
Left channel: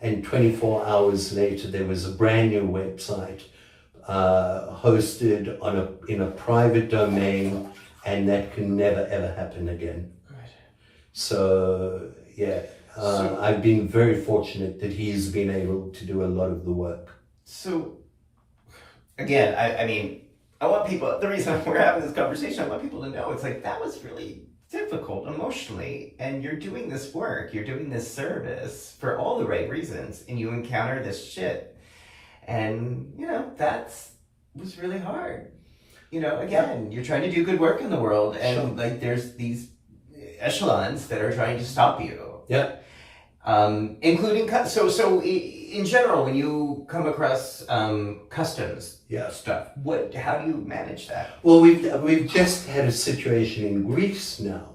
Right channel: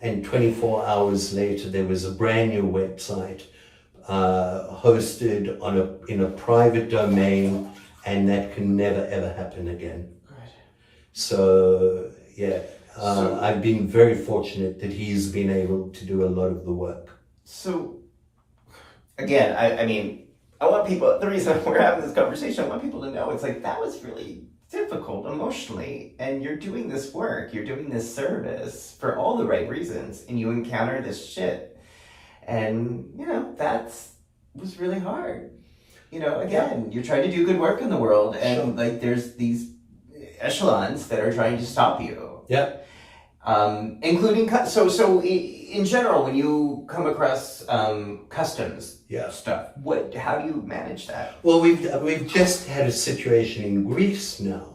And 24 hours later, there was a brand new website hosted in a private domain, and that can never ever happen again. Good. So yeah, I've been very fortunate that he's been able to do a lot of the work. So, again, I mean, I want people, the reason we're having this conversation, I want people to know it's like that was really difficult emotionally, and you're doing this work, you're doing this service for all the right reasons, and you encounter this shit. And, you know, was really hard. You know, again, you're trying to do good work in the world, and like there's these echelons that are trying to stop you. Yeah. Including, so in general, when you come across customs stuff, how do you manage that? Well, we've just had a situation in Greece now.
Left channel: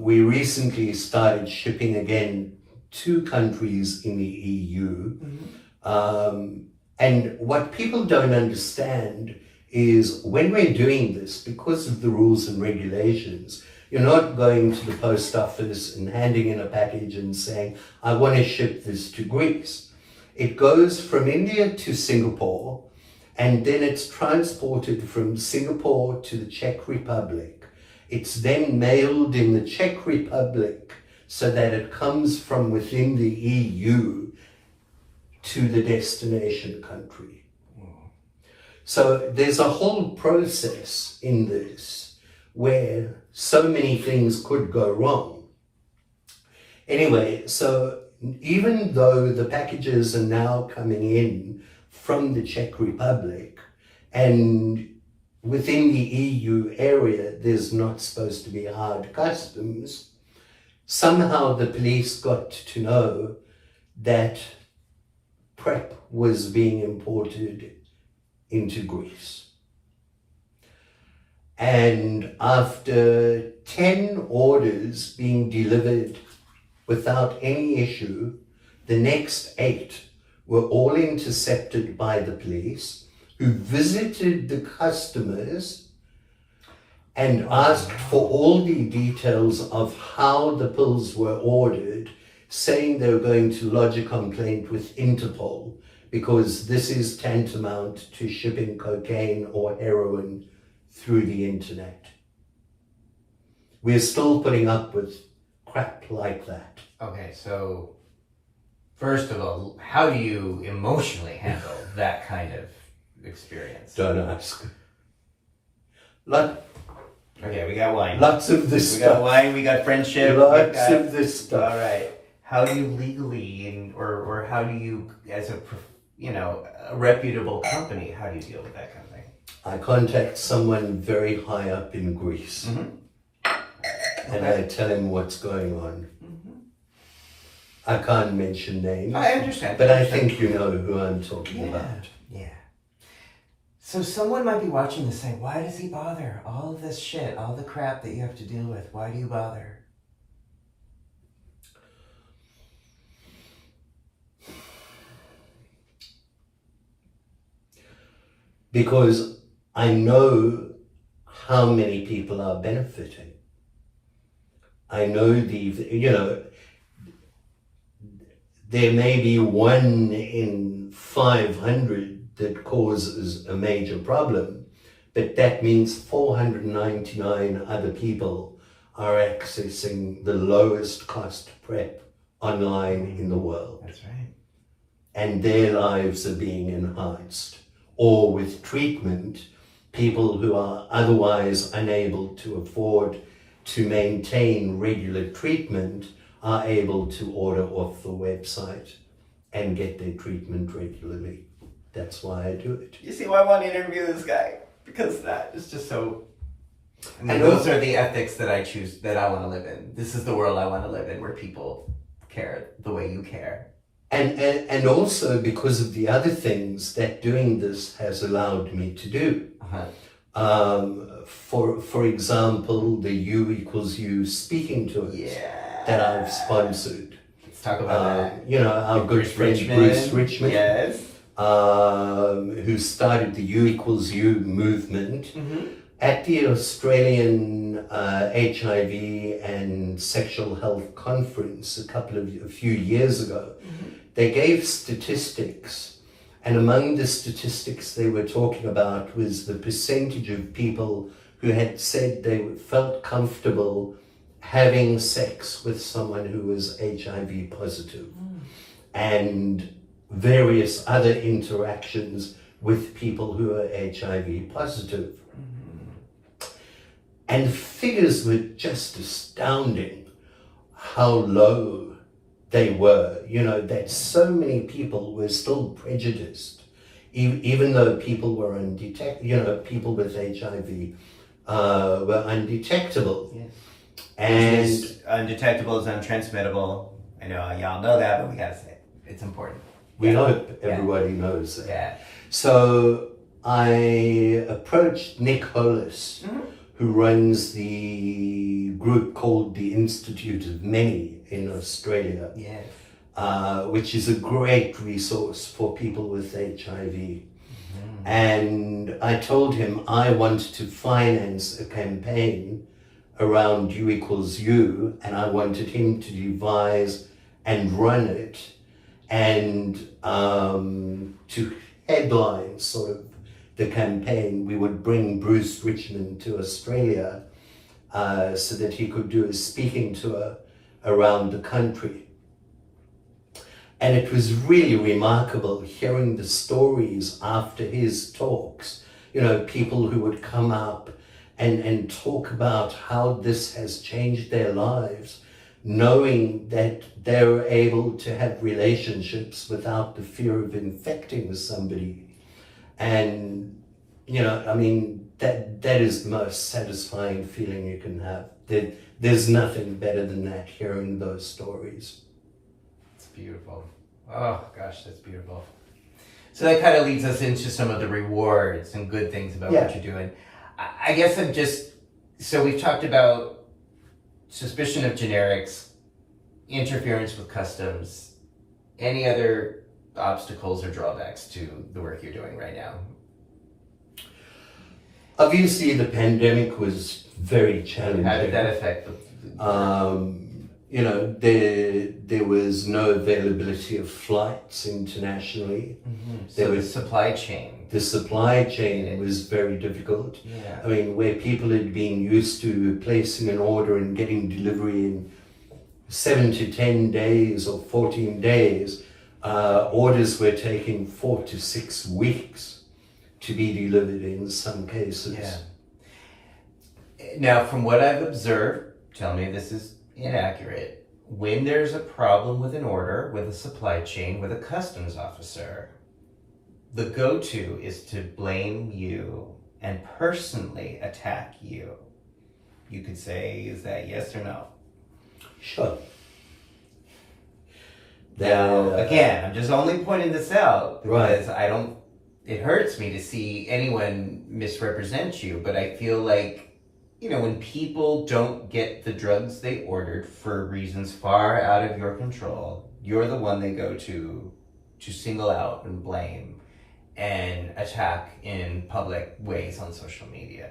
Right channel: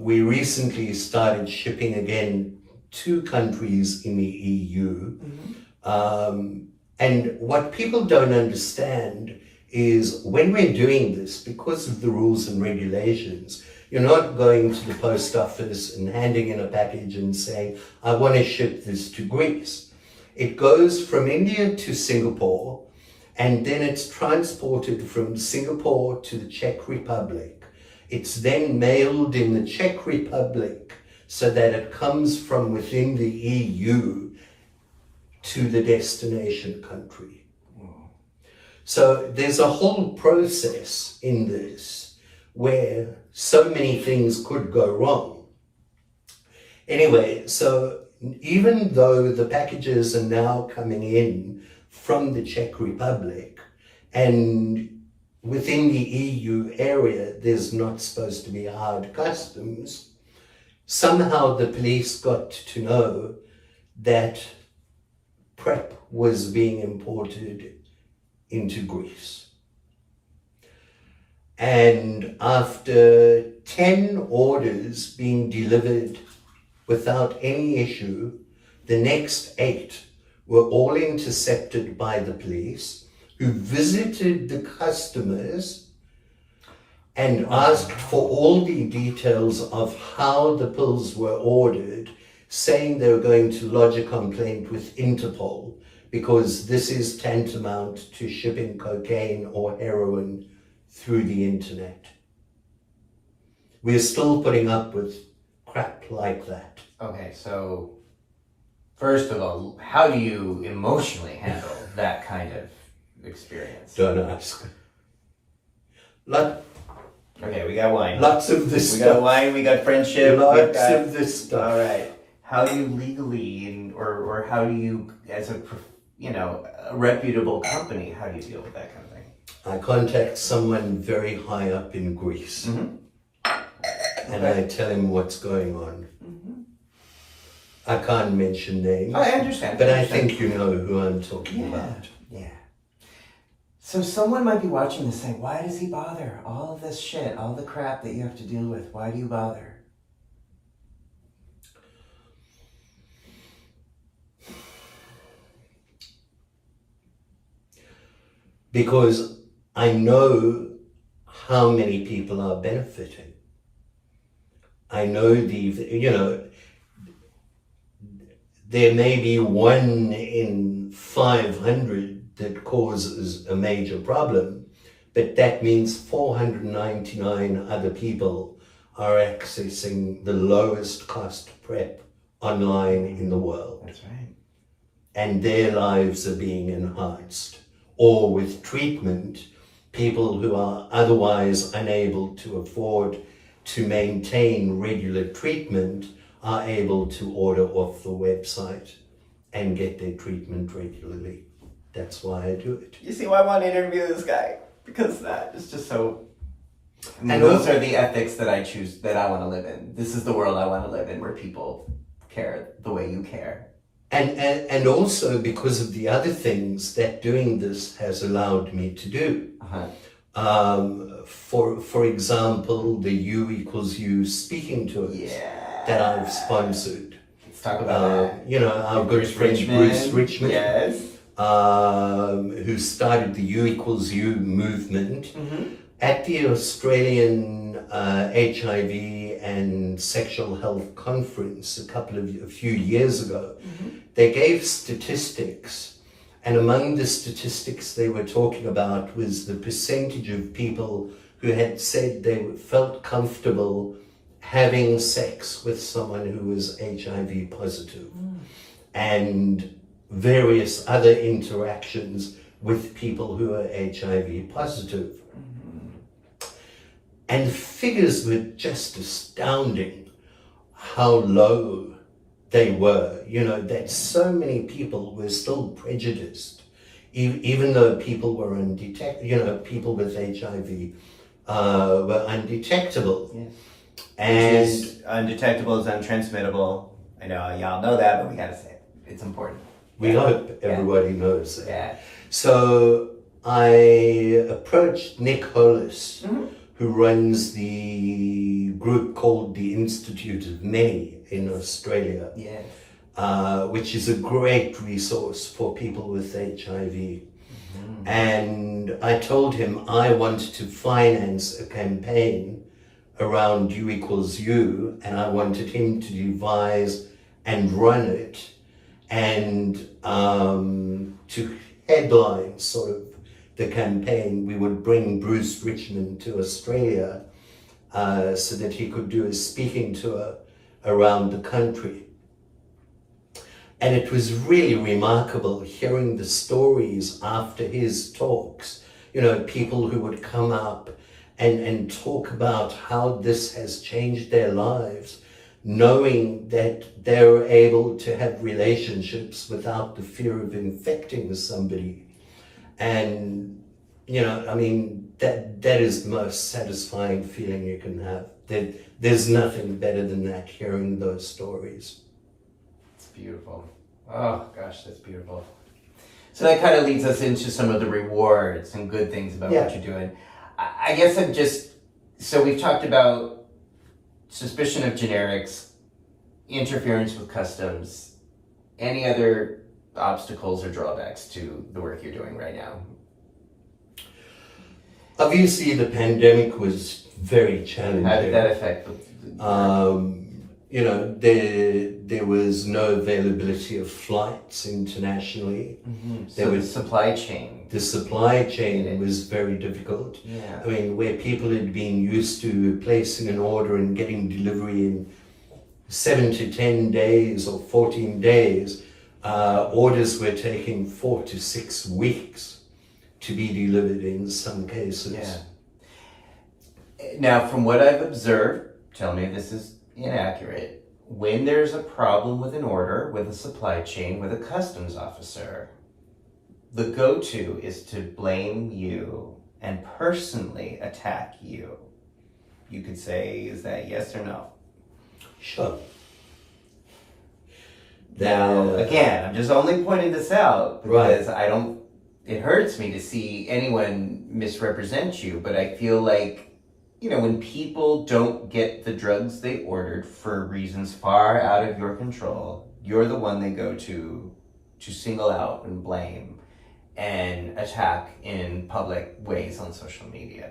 We recently started shipping again to countries in the EU. And what people don't understand is when we're doing this, because of the rules and regulations, you're not going to the post office and handing in a package and saying, I want to ship this to Greece. It goes from India to Singapore, and then it's transported from Singapore to the Czech Republic. It's then mailed in the Czech Republic so that it comes from within the EU to the destination country. So there's a whole process in this where so many things could go wrong. Anyway, so even though the packages are now coming in from the Czech Republic, and within the EU area, there's not supposed to be hard customs, somehow the police got to know that PrEP was being imported into Greece. And after 10 orders being delivered without any issue, the next 8 were all intercepted by the police, who visited the customers and asked for all the details of how the pills were ordered, saying they were going to lodge a complaint with Interpol, because this is tantamount to shipping cocaine or heroin through the internet. We're still putting up with crap like that. Okay, so first of all, how do you emotionally handle that kind of experience? Don't ask. Like, Okay, we got wine. Lots of this We stuff. got wine, we got friendship. Lots we got, of this stuff. All right. How do you legally, or how do you, as a, a reputable company, how do you deal with that kind of thing? I contact someone very high up in Greece. Mm-hmm. And I tell him what's going on. Mm-hmm. I can't mention names. I understand. But I think you know who I'm talking Yeah. about. Yeah. So someone might be watching this saying, why does he bother? All of this shit, all the crap that you have to deal with, why do you bother? Because I know how many people are benefiting. I know there may be 1 in 500 that causes a major problem, but that means 499 other people are accessing the lowest cost PrEP online in the world. That's right. And their lives are being enhanced. Or with treatment, people who are otherwise unable to afford to maintain regular treatment are able to order off the website and get their treatment regularly. That's why I do it. You see why I want to interview this guy? Because that is just so... And those are the ethics that I choose, that I want to live in. This is the world I want to live in, where people care the way you care. And also because of the other things that doing this has allowed me to do. Uh-huh. For example, the U equals U speaking tours that I've sponsored. Let's talk about that. Our good friend Bruce Richmond, yes, who started the U equals U movement. Mm-hmm. At the Australian HIV and Sexual Health Conference a few years ago, they gave statistics, and among the statistics they were talking about was the percentage of people who had said they felt comfortable having sex with someone who was HIV positive, and various other interactions with people who are HIV positive. And the figures were just astounding, how low they were, that so many people were still prejudiced, even though people were undetectable, people with HIV were undetectable. Yes. And undetectable is untransmittable. I know y'all know that, but we gotta say it. It's important. we hope everybody knows that. Yeah. So I approached Nick Hollis, who runs the group called the Institute of Many in Australia, Yes. which is a great resource for people with HIV. And I told him I wanted to finance a campaign around U equals U, and I wanted him to devise and run it, and to headline sort of the campaign. We would bring Bruce Richmond to Australia so that he could do a speaking tour around the country. And it was really remarkable hearing the stories after his talks, people who would come up and talk about how this has changed their lives, knowing that they're able to have relationships without the fear of infecting somebody. And, that is the most satisfying feeling you can have. There's nothing better than that, hearing those stories. It's beautiful. Oh, gosh, that's beautiful. So that kind of leads us into some of the rewards and good things about what you're doing. I guess so we've talked about suspicion of generics, interference with customs, any other obstacles or drawbacks to the work you're doing right now? Obviously, the pandemic was very challenging. How did that affect? There was no availability of flights internationally. So the supply chain. The supply chain was very difficult. Yeah. I mean, where people had been used to placing an order and getting delivery in 7 to 10 days or 14 days, orders were taking 4 to 6 weeks to be delivered in some cases. Yeah. Now, from what I've observed, tell me if this is inaccurate, when there's a problem with an order, with a supply chain, with a customs officer, the go-to is to blame you and personally attack you. You could say, is that yes or no? Sure. Now, again, I'm just only pointing this out because Right. it hurts me to see anyone misrepresent you, but I feel like, when people don't get the drugs they ordered for reasons far out of your control, you're the one they go to single out and blame and attack in public ways on social media.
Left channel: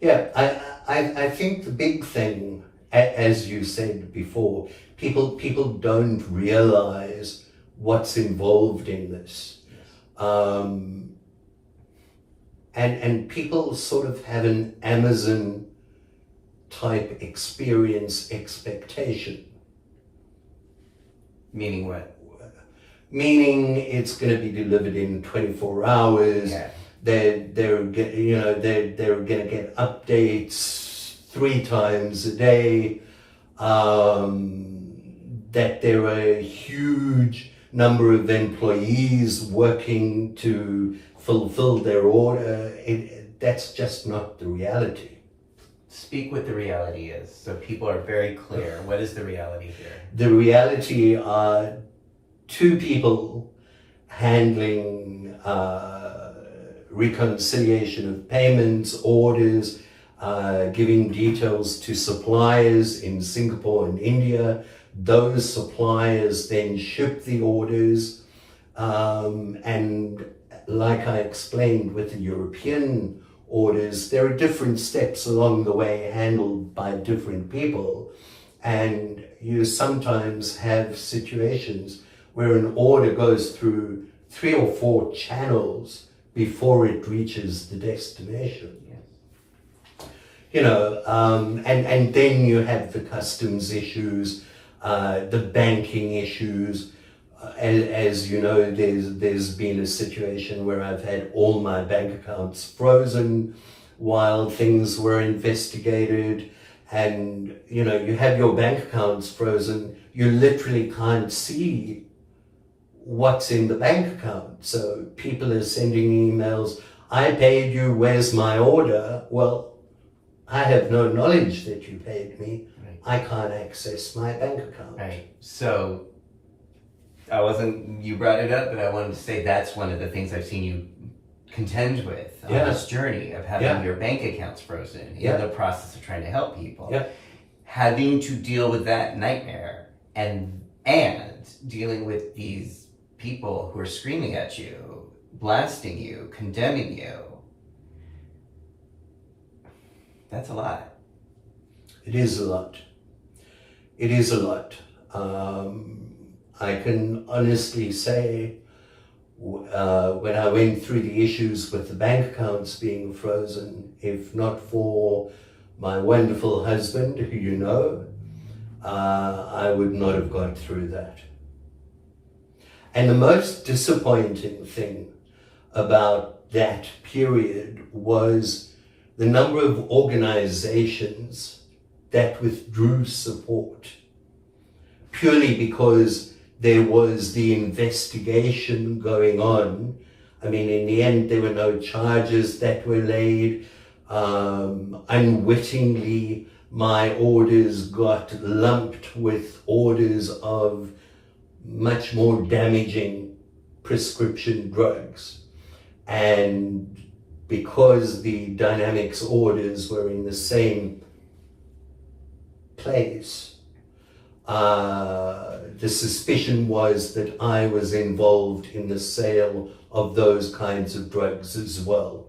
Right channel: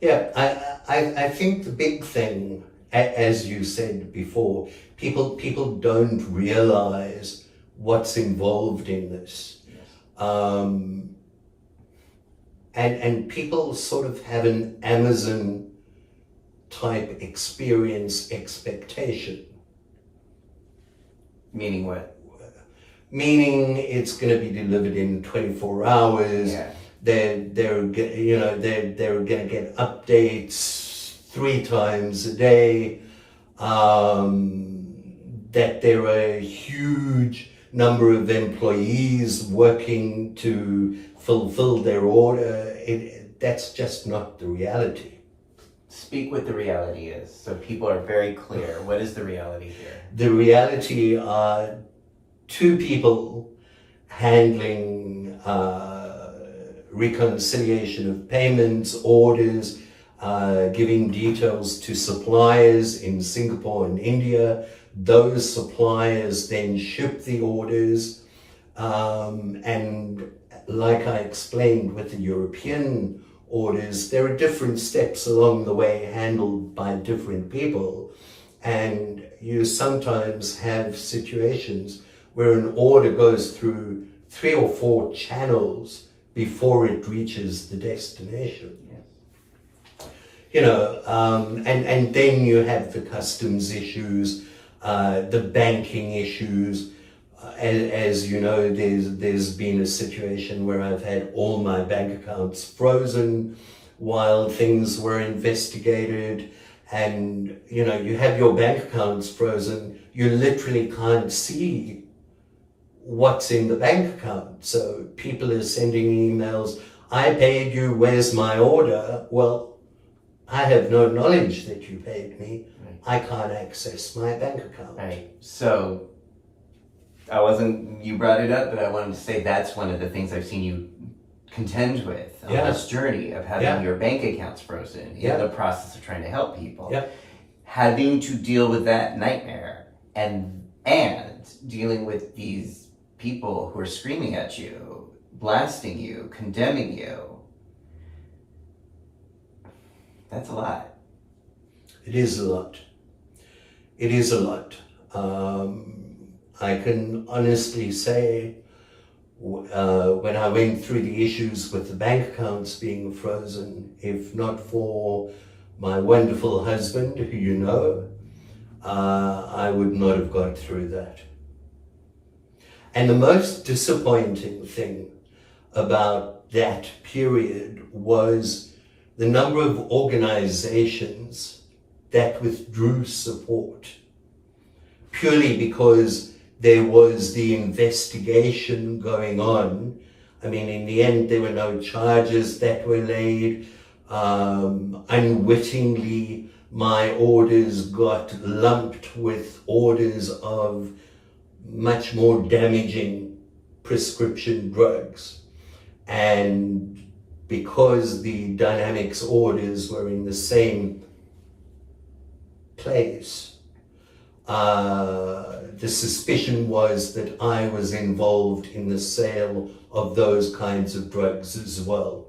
Yeah, I think the big thing, as you said before, people don't realize what's involved in this. And people sort of have an Amazon type experience expectation. Meaning what? Meaning it's going to be delivered in 24 hours. Yeah. They're going to get updates 3 times a day. That there are a huge number of employees working to fulfill their order. That's just not the reality. Speak what the reality is, so people are very clear. What is the reality here? The reality are 2 people handling reconciliation of payments, orders, giving details to suppliers in Singapore and India. Those suppliers then ship the orders, and like I explained with the European orders, there are different steps along the way handled by different people, and you sometimes have situations where an order goes through 3 or 4 channels before it reaches the destination. And then you have the customs issues, the banking issues. As you know, there's been a situation where I've had all my bank accounts frozen while things were investigated. And, you have your bank accounts frozen, you literally can't see what's in the bank account. So people are sending emails, I paid you, where's my order? Well, I have no knowledge that you paid me. Right. I can't access my bank account. Right. So, you brought it up, but I wanted to say that's one of the things I've seen you contend with on this journey of having your bank accounts frozen in the process of trying to help people. Yeah. Having to deal with that nightmare and dealing with these people who are screaming at you, blasting you, condemning you. That's a lot. It is a lot. It is a lot. I can honestly say, when I went through the issues with the bank accounts being frozen, if not for my wonderful husband, who you know, I would not have got through that. And the most disappointing thing about that period was the number of organizations that withdrew support purely because there was the investigation going on. I mean, in the end, there were no charges that were laid. Unwittingly, my orders got lumped with orders of much more damaging prescription drugs. And because the Dynamix orders were in the same place, the suspicion was that I was involved in the sale of those kinds of drugs as well.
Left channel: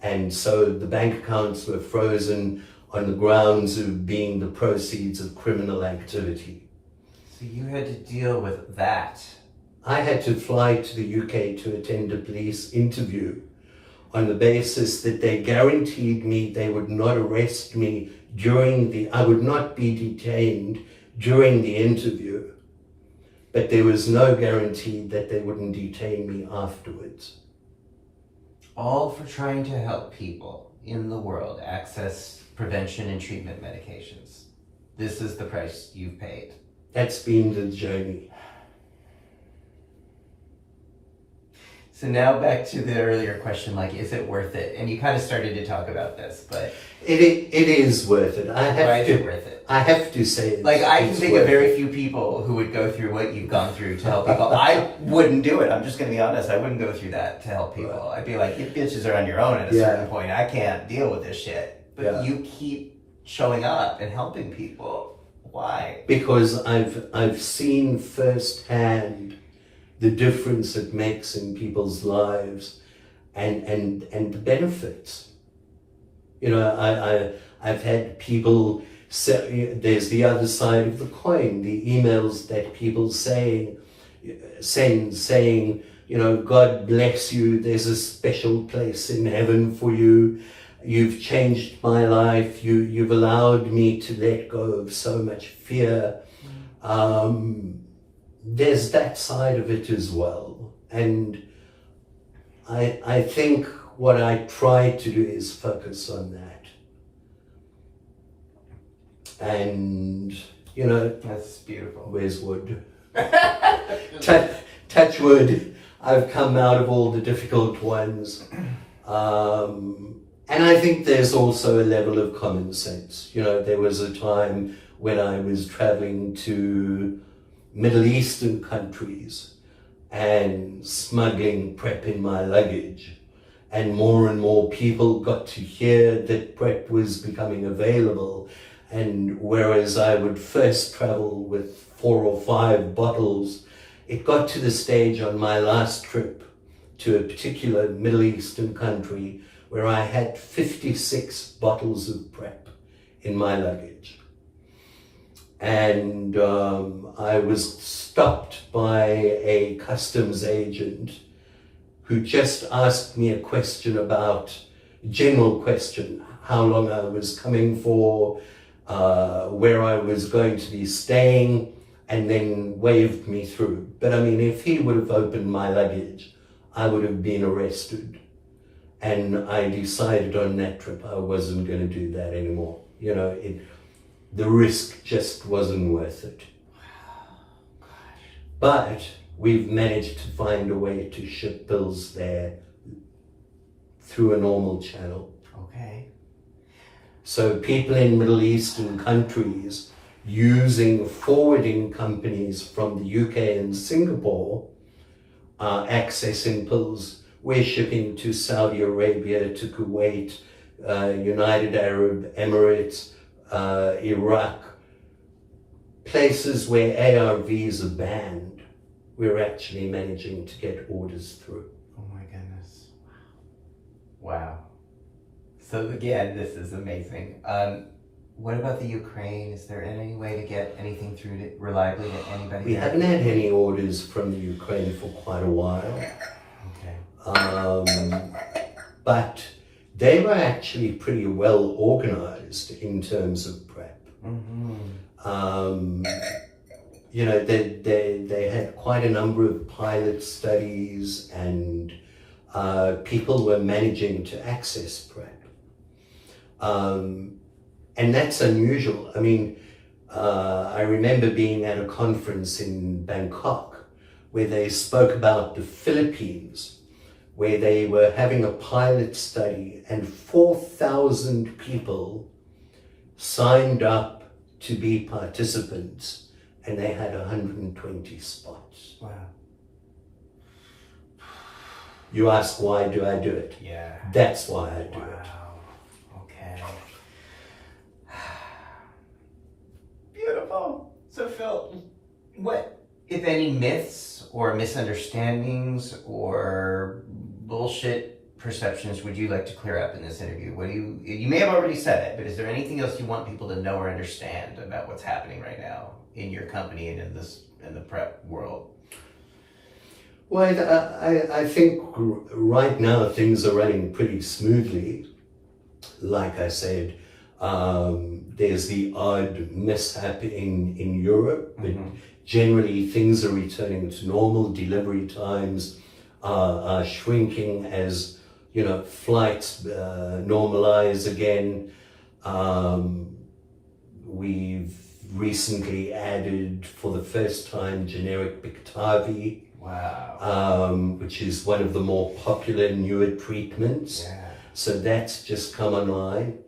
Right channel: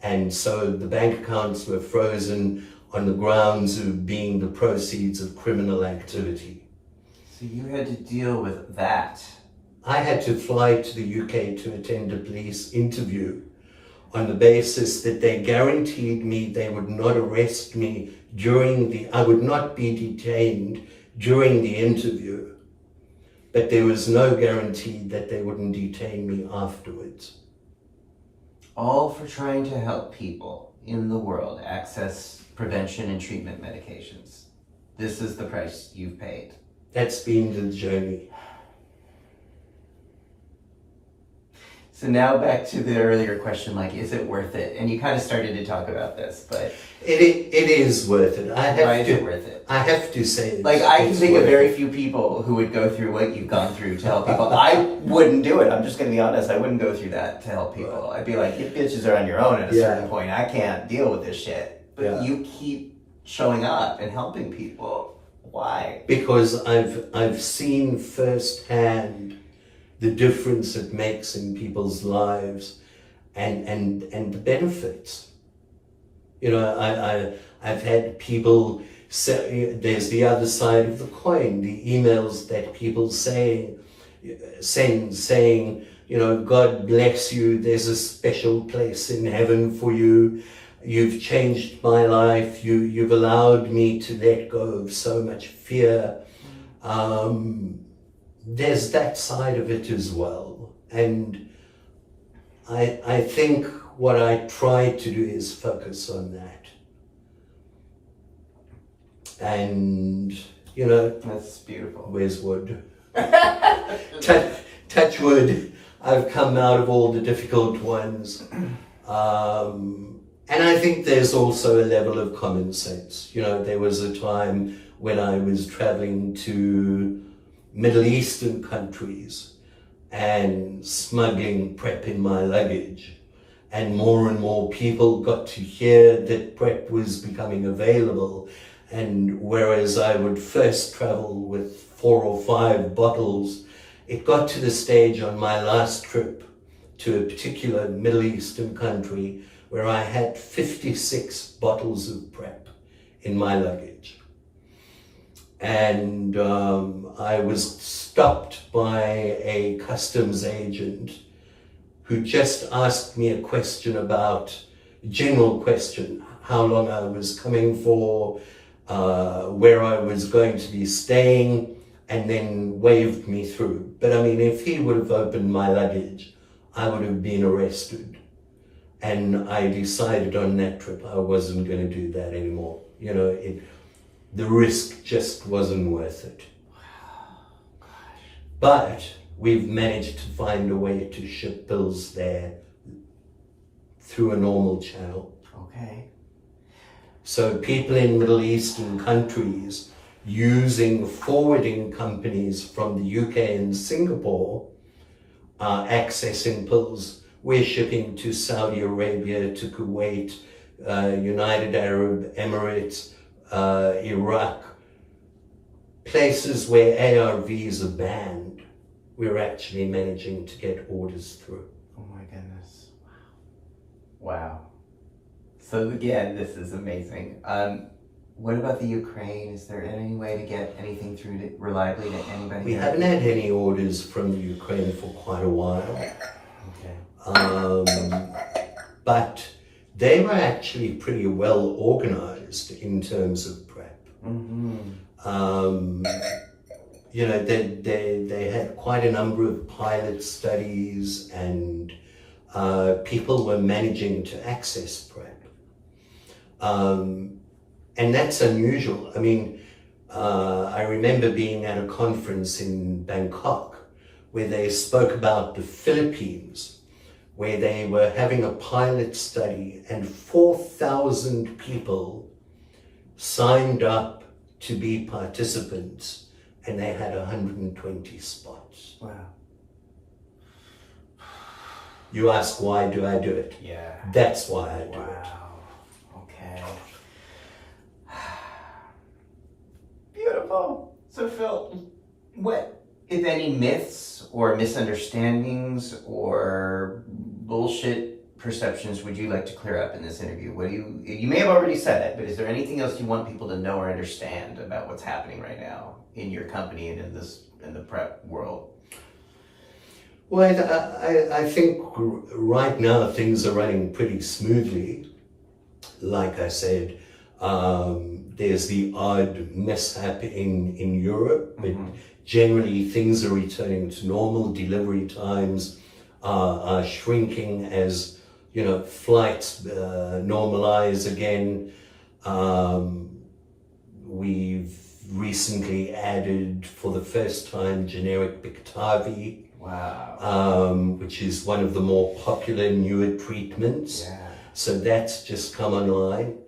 And so the bank accounts were frozen on the grounds of being the proceeds of criminal activity. So you had to deal with that. I had to fly to the UK to attend a police interview on the basis that they guaranteed me they would not arrest me I would not be detained during the interview, but there was no guarantee that they wouldn't detain me afterwards. All for trying to help people. in the world access prevention and treatment medications. This is the price you've paid. That's been the journey. So now back to the earlier question, like, is it worth it? And you kind of started to talk about this, but it is worth it. Why is it worth it? I have to say, like, I can think of very it. few people who would go through what you've gone through to help people. I wouldn't do it. I'm just going to be honest. I wouldn't go through that to help people. I'd be like, you bitches are on your own at a certain point. I can't deal with this shit. But you keep showing up and helping people. Why? Because I've seen firsthand the difference it makes in people's lives and the benefits. You know, I've had people say, there's the other side of the coin, the emails that people send saying, you know, God bless you, there's a special place in heaven for you, you've changed my life, you've allowed me to let go of so much fear. There's that side of it as well. And I think what I try to do is focus on that. And, you know, that's beautiful. Where's wood? touch wood. I've come out of all the difficult ones. And I think there's also a level of common sense. You know, there was a time when I was traveling to Middle Eastern countries and smuggling PrEP in my luggage. And more people got to hear that PrEP was becoming available. And whereas I would first travel with 4 or 5 bottles, it got to the stage on my last trip to a particular Middle Eastern country where I had 56 bottles of PrEP in my luggage. And I was stopped by a customs agent who just asked me a question about, general question, how long I was coming for, where I was going to be staying, and then waved me through. But I mean, if he would have opened my luggage, I would have been arrested. And I decided on that trip I wasn't going to do that anymore. You know, the risk just wasn't worth it. But we've managed to find a way to ship pills there through a normal channel. Okay. So people in Middle Eastern countries using forwarding companies from the UK and Singapore are accessing pills. We're shipping to Saudi Arabia, to Kuwait, United Arab Emirates, Iraq, places where ARVs are banned. We're actually managing to get orders through. Oh my goodness. Wow. So again, this is amazing. What about the Ukraine? Is there any way to get anything through reliably to anybody? We haven't had any orders from the Ukraine for quite a while. Okay. But they were actually pretty well organized in terms of PrEP. Mm-hmm. You know, they had quite a number of pilot studies, and people were managing to access PrEP. And that's unusual. I mean, I remember being at a conference in Bangkok where they spoke about the Philippines, where they were having a pilot study and 4,000 people signed up to be participants, and they had 120 spots. Wow. You ask, why do I do it? Yeah. That's why I do it. Wow. Okay. Beautiful. So Phil, what, if any, myths or misunderstandings or bullshit perceptions would you like to clear up in this interview? What do you may have already said it, but is there anything else you want people to know or understand about what's happening right now in your company and in the PrEP world? Well, I think right now things are running pretty smoothly. Like I said, there's the odd mishap in Europe, but generally things are returning to normal. Delivery times are shrinking as flights normalize again. We've recently added for the first time generic Biktarvy. Wow. Which is one of the more popular newer treatments. Yeah. So that's just come online.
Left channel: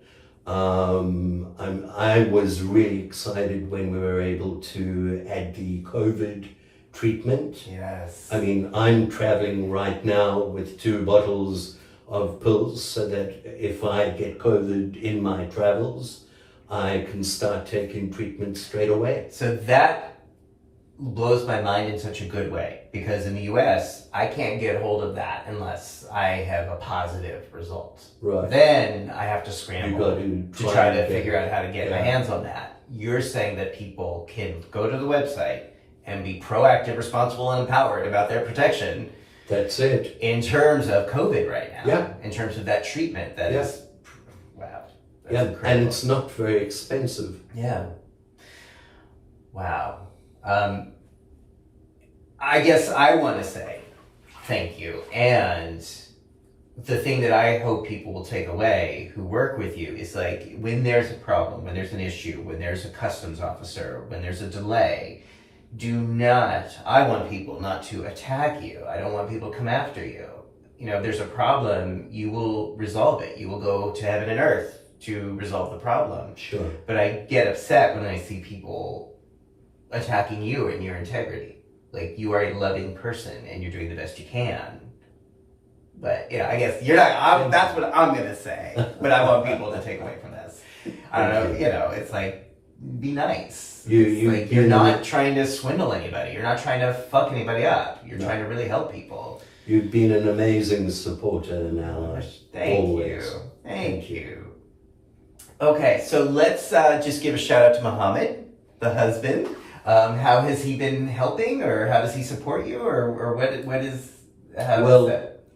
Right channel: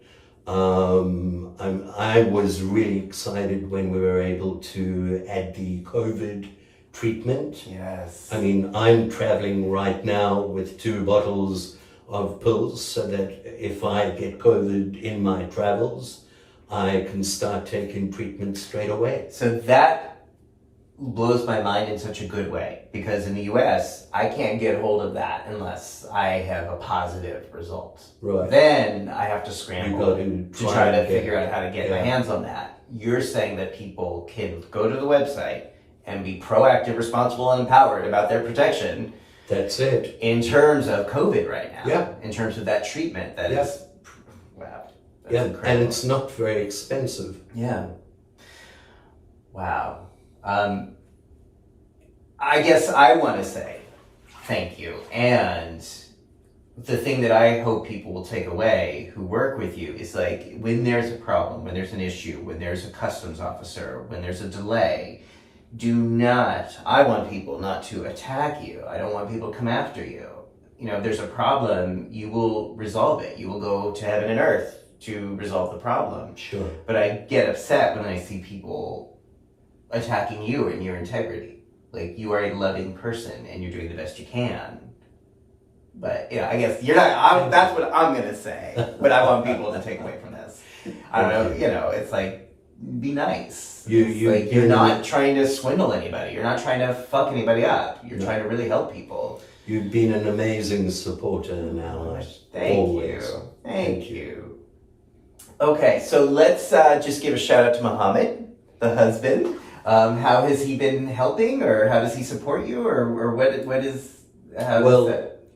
I was really excited when we were able to add the COVID treatment. Yes. I mean, I'm traveling right now with 2 bottles of pills so that if I get COVID in my travels, I can start taking treatment straight away. So that blows my mind in such a good way, because in the US, I can't get hold of that unless I have a positive result. Right. Then I have to scramble to try to figure out how to get my hands on that. You're saying that people can go to the website and be proactive, responsible, and empowered about their protection. That's it. In terms of COVID right now. Yeah. In terms of that treatment, that Yeah. is, wow. That's Yeah, incredible. and it's not very expensive. Yeah. Wow. I guess I want to say thank you. And the thing that I hope people will take away who work with you is, like, when there's a problem, when there's an issue, when there's a customs officer, when there's a delay, I want people not to attack you. I don't want people to come after you. If there's a problem, you will resolve it. You will go to heaven and earth to resolve the problem. Sure. But I get upset when I see people attacking you and your integrity. Like, you are a loving person and you're doing the best you can. But, I guess you're not, that's what I'm going to say. What I want people to take away from this. I don't know, it's like, be nice. You're not trying to swindle anybody. You're not trying to fuck anybody up. You're trying to really help people. You've been an amazing supporter and ally. Thank you. Thank you. Okay, so let's just give a shout out to Muhammad, the husband. How has he been helping, or how does he support you, or what is?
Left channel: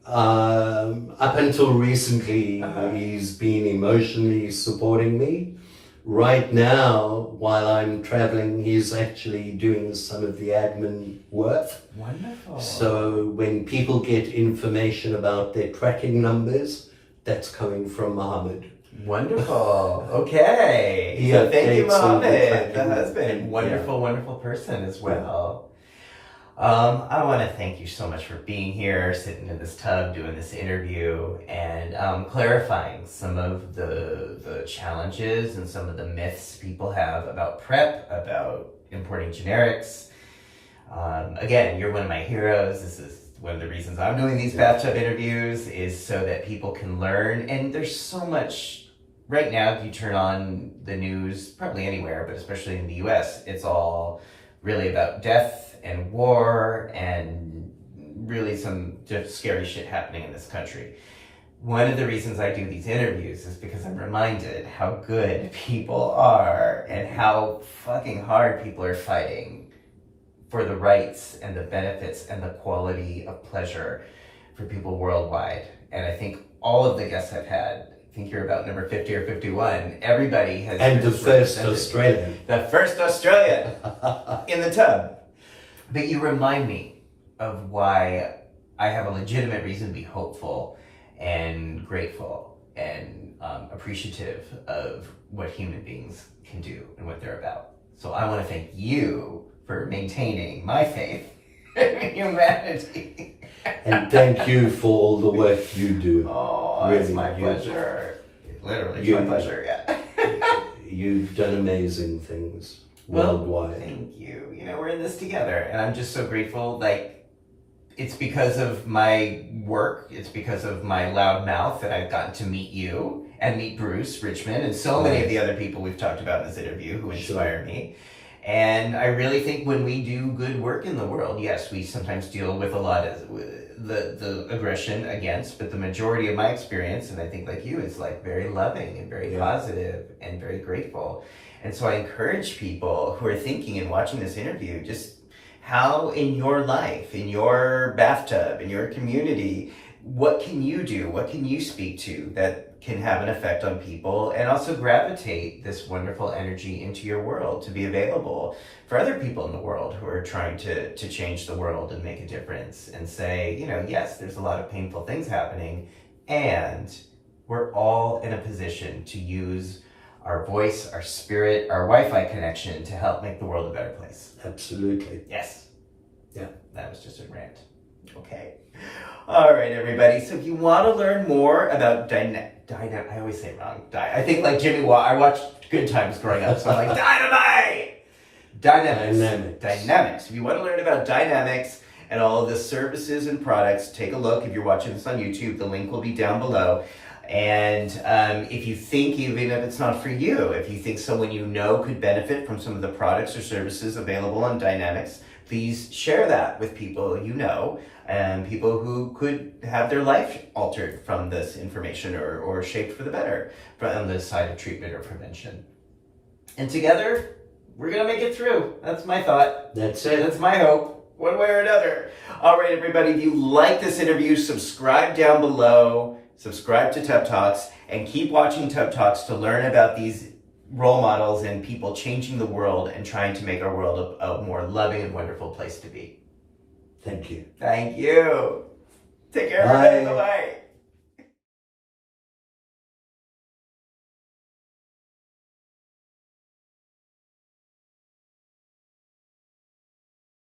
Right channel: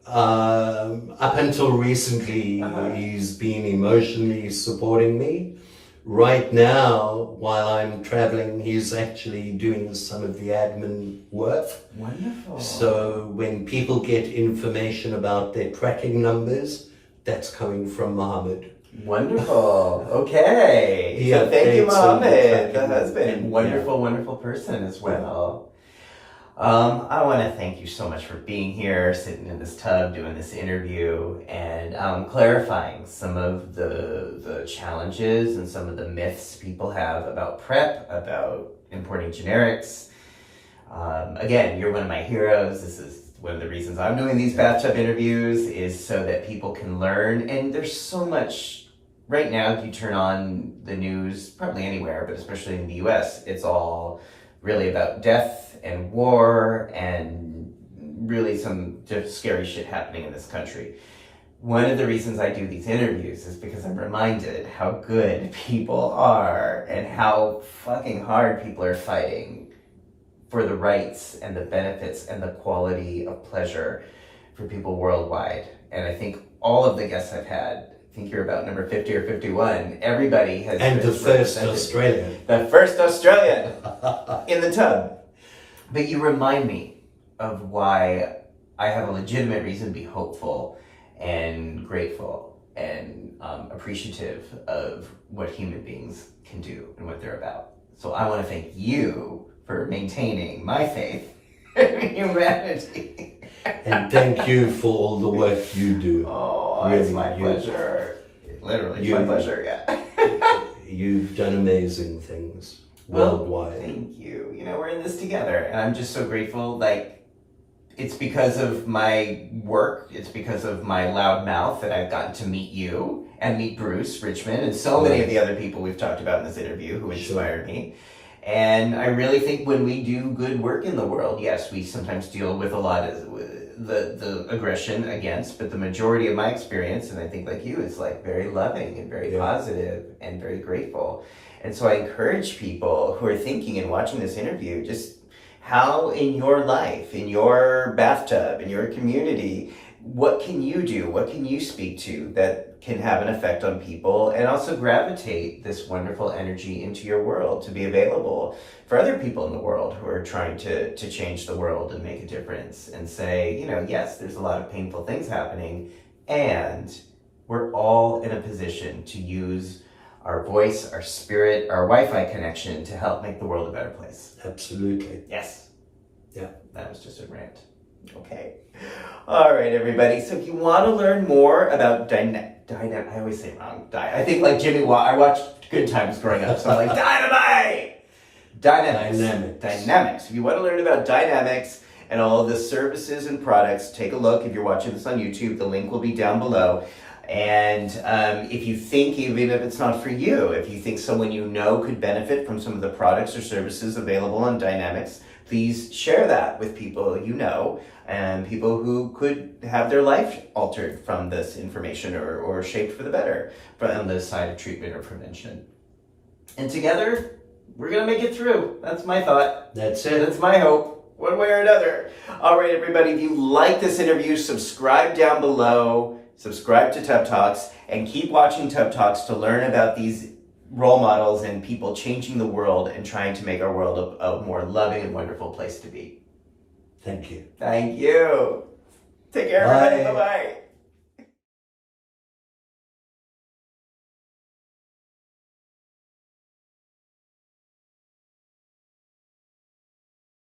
Up until recently, he's been emotionally supporting me. Right now, while I'm traveling, he's actually doing some of the admin work. Wonderful. So when people get information about their tracking numbers, that's coming from Muhammad. Wonderful. Okay. So thank you, Muhammad, the husband. Wonderful, wonderful person as well. I want to thank you so much for being here, sitting in this tub, doing this interview, and clarifying some of the challenges and some of the myths people have about PrEP, about importing generics. Again, you're one of my heroes. This is one of the reasons I'm doing these bathtub interviews, is so that people can learn. And there's so much. Right now, if you turn on the news, probably anywhere, but especially in the US, it's all really about death and war and really some just scary shit happening in this country. One of the reasons I do these interviews is because I'm reminded how good people are and how fucking hard people are fighting for the rights and the benefits and the quality of pleasure for people worldwide. And I think all of the guests I've had, I think you're about number 50 or 51. Everybody has... And the first Australian. The first Australian in the tub. But you remind me of why I have a legitimate reason to be hopeful and grateful and appreciative of what human beings can do and what they're about. So I want to thank you for maintaining my faith in humanity. And thank you for all the work you do. Oh, really, it's my pleasure. Literally, it's my pleasure, yeah. You've done amazing things worldwide. Thank you. We're in this together, and I'm just so grateful. Like, it's because of my work, it's because of my loud mouth that I've gotten to meet you and meet Bruce Richmond and so many of the other people we've talked about in this interview who inspired me. And I really think when we do good work in the world, yes, we sometimes deal with a lot of the aggression against, but the majority of my experience, and I think like you, is like very loving and very positive and very grateful. And so I encourage people who are thinking and watching this interview, just how in your life, in your bathtub, in your community, what can you do? What can you speak to that can have an effect on people, and also gravitate this wonderful energy into your world to be available for other people in the world who are trying to change the world and make a difference and say, yes, there's a lot of painful things happening. and we're all in a position to use our voice, our spirit, our Wi-Fi connection to help make the world a better place. Absolutely. Yes. Yeah. That was just a rant. Okay. All right, everybody. So if you want to learn more about I always say it wrong. I think like Jimmy I watched Good Times growing up, so I'm like, Dynamite! Dynamics. If you want to learn about Dynamics and all of the services and products, take a look. If you're watching this on YouTube, the link will be down below. And if you think, even if it's not for you, if you think someone you know could benefit from some of the products or services available on Dynamix, please share that with people you know and people who could have their life altered from this information or shaped for the better from the side of treatment or prevention. And together, we're going to make it through. That's my thought. That's it. That's my hope, one way or another. All right, everybody, if you like this interview, subscribe down below. Subscribe to Tub Talks and keep watching Tub Talks to learn about these role models and people changing the world and trying to make our world a more loving and wonderful place to be. Thank you. Thank you. Take care, everybody. Bye-bye.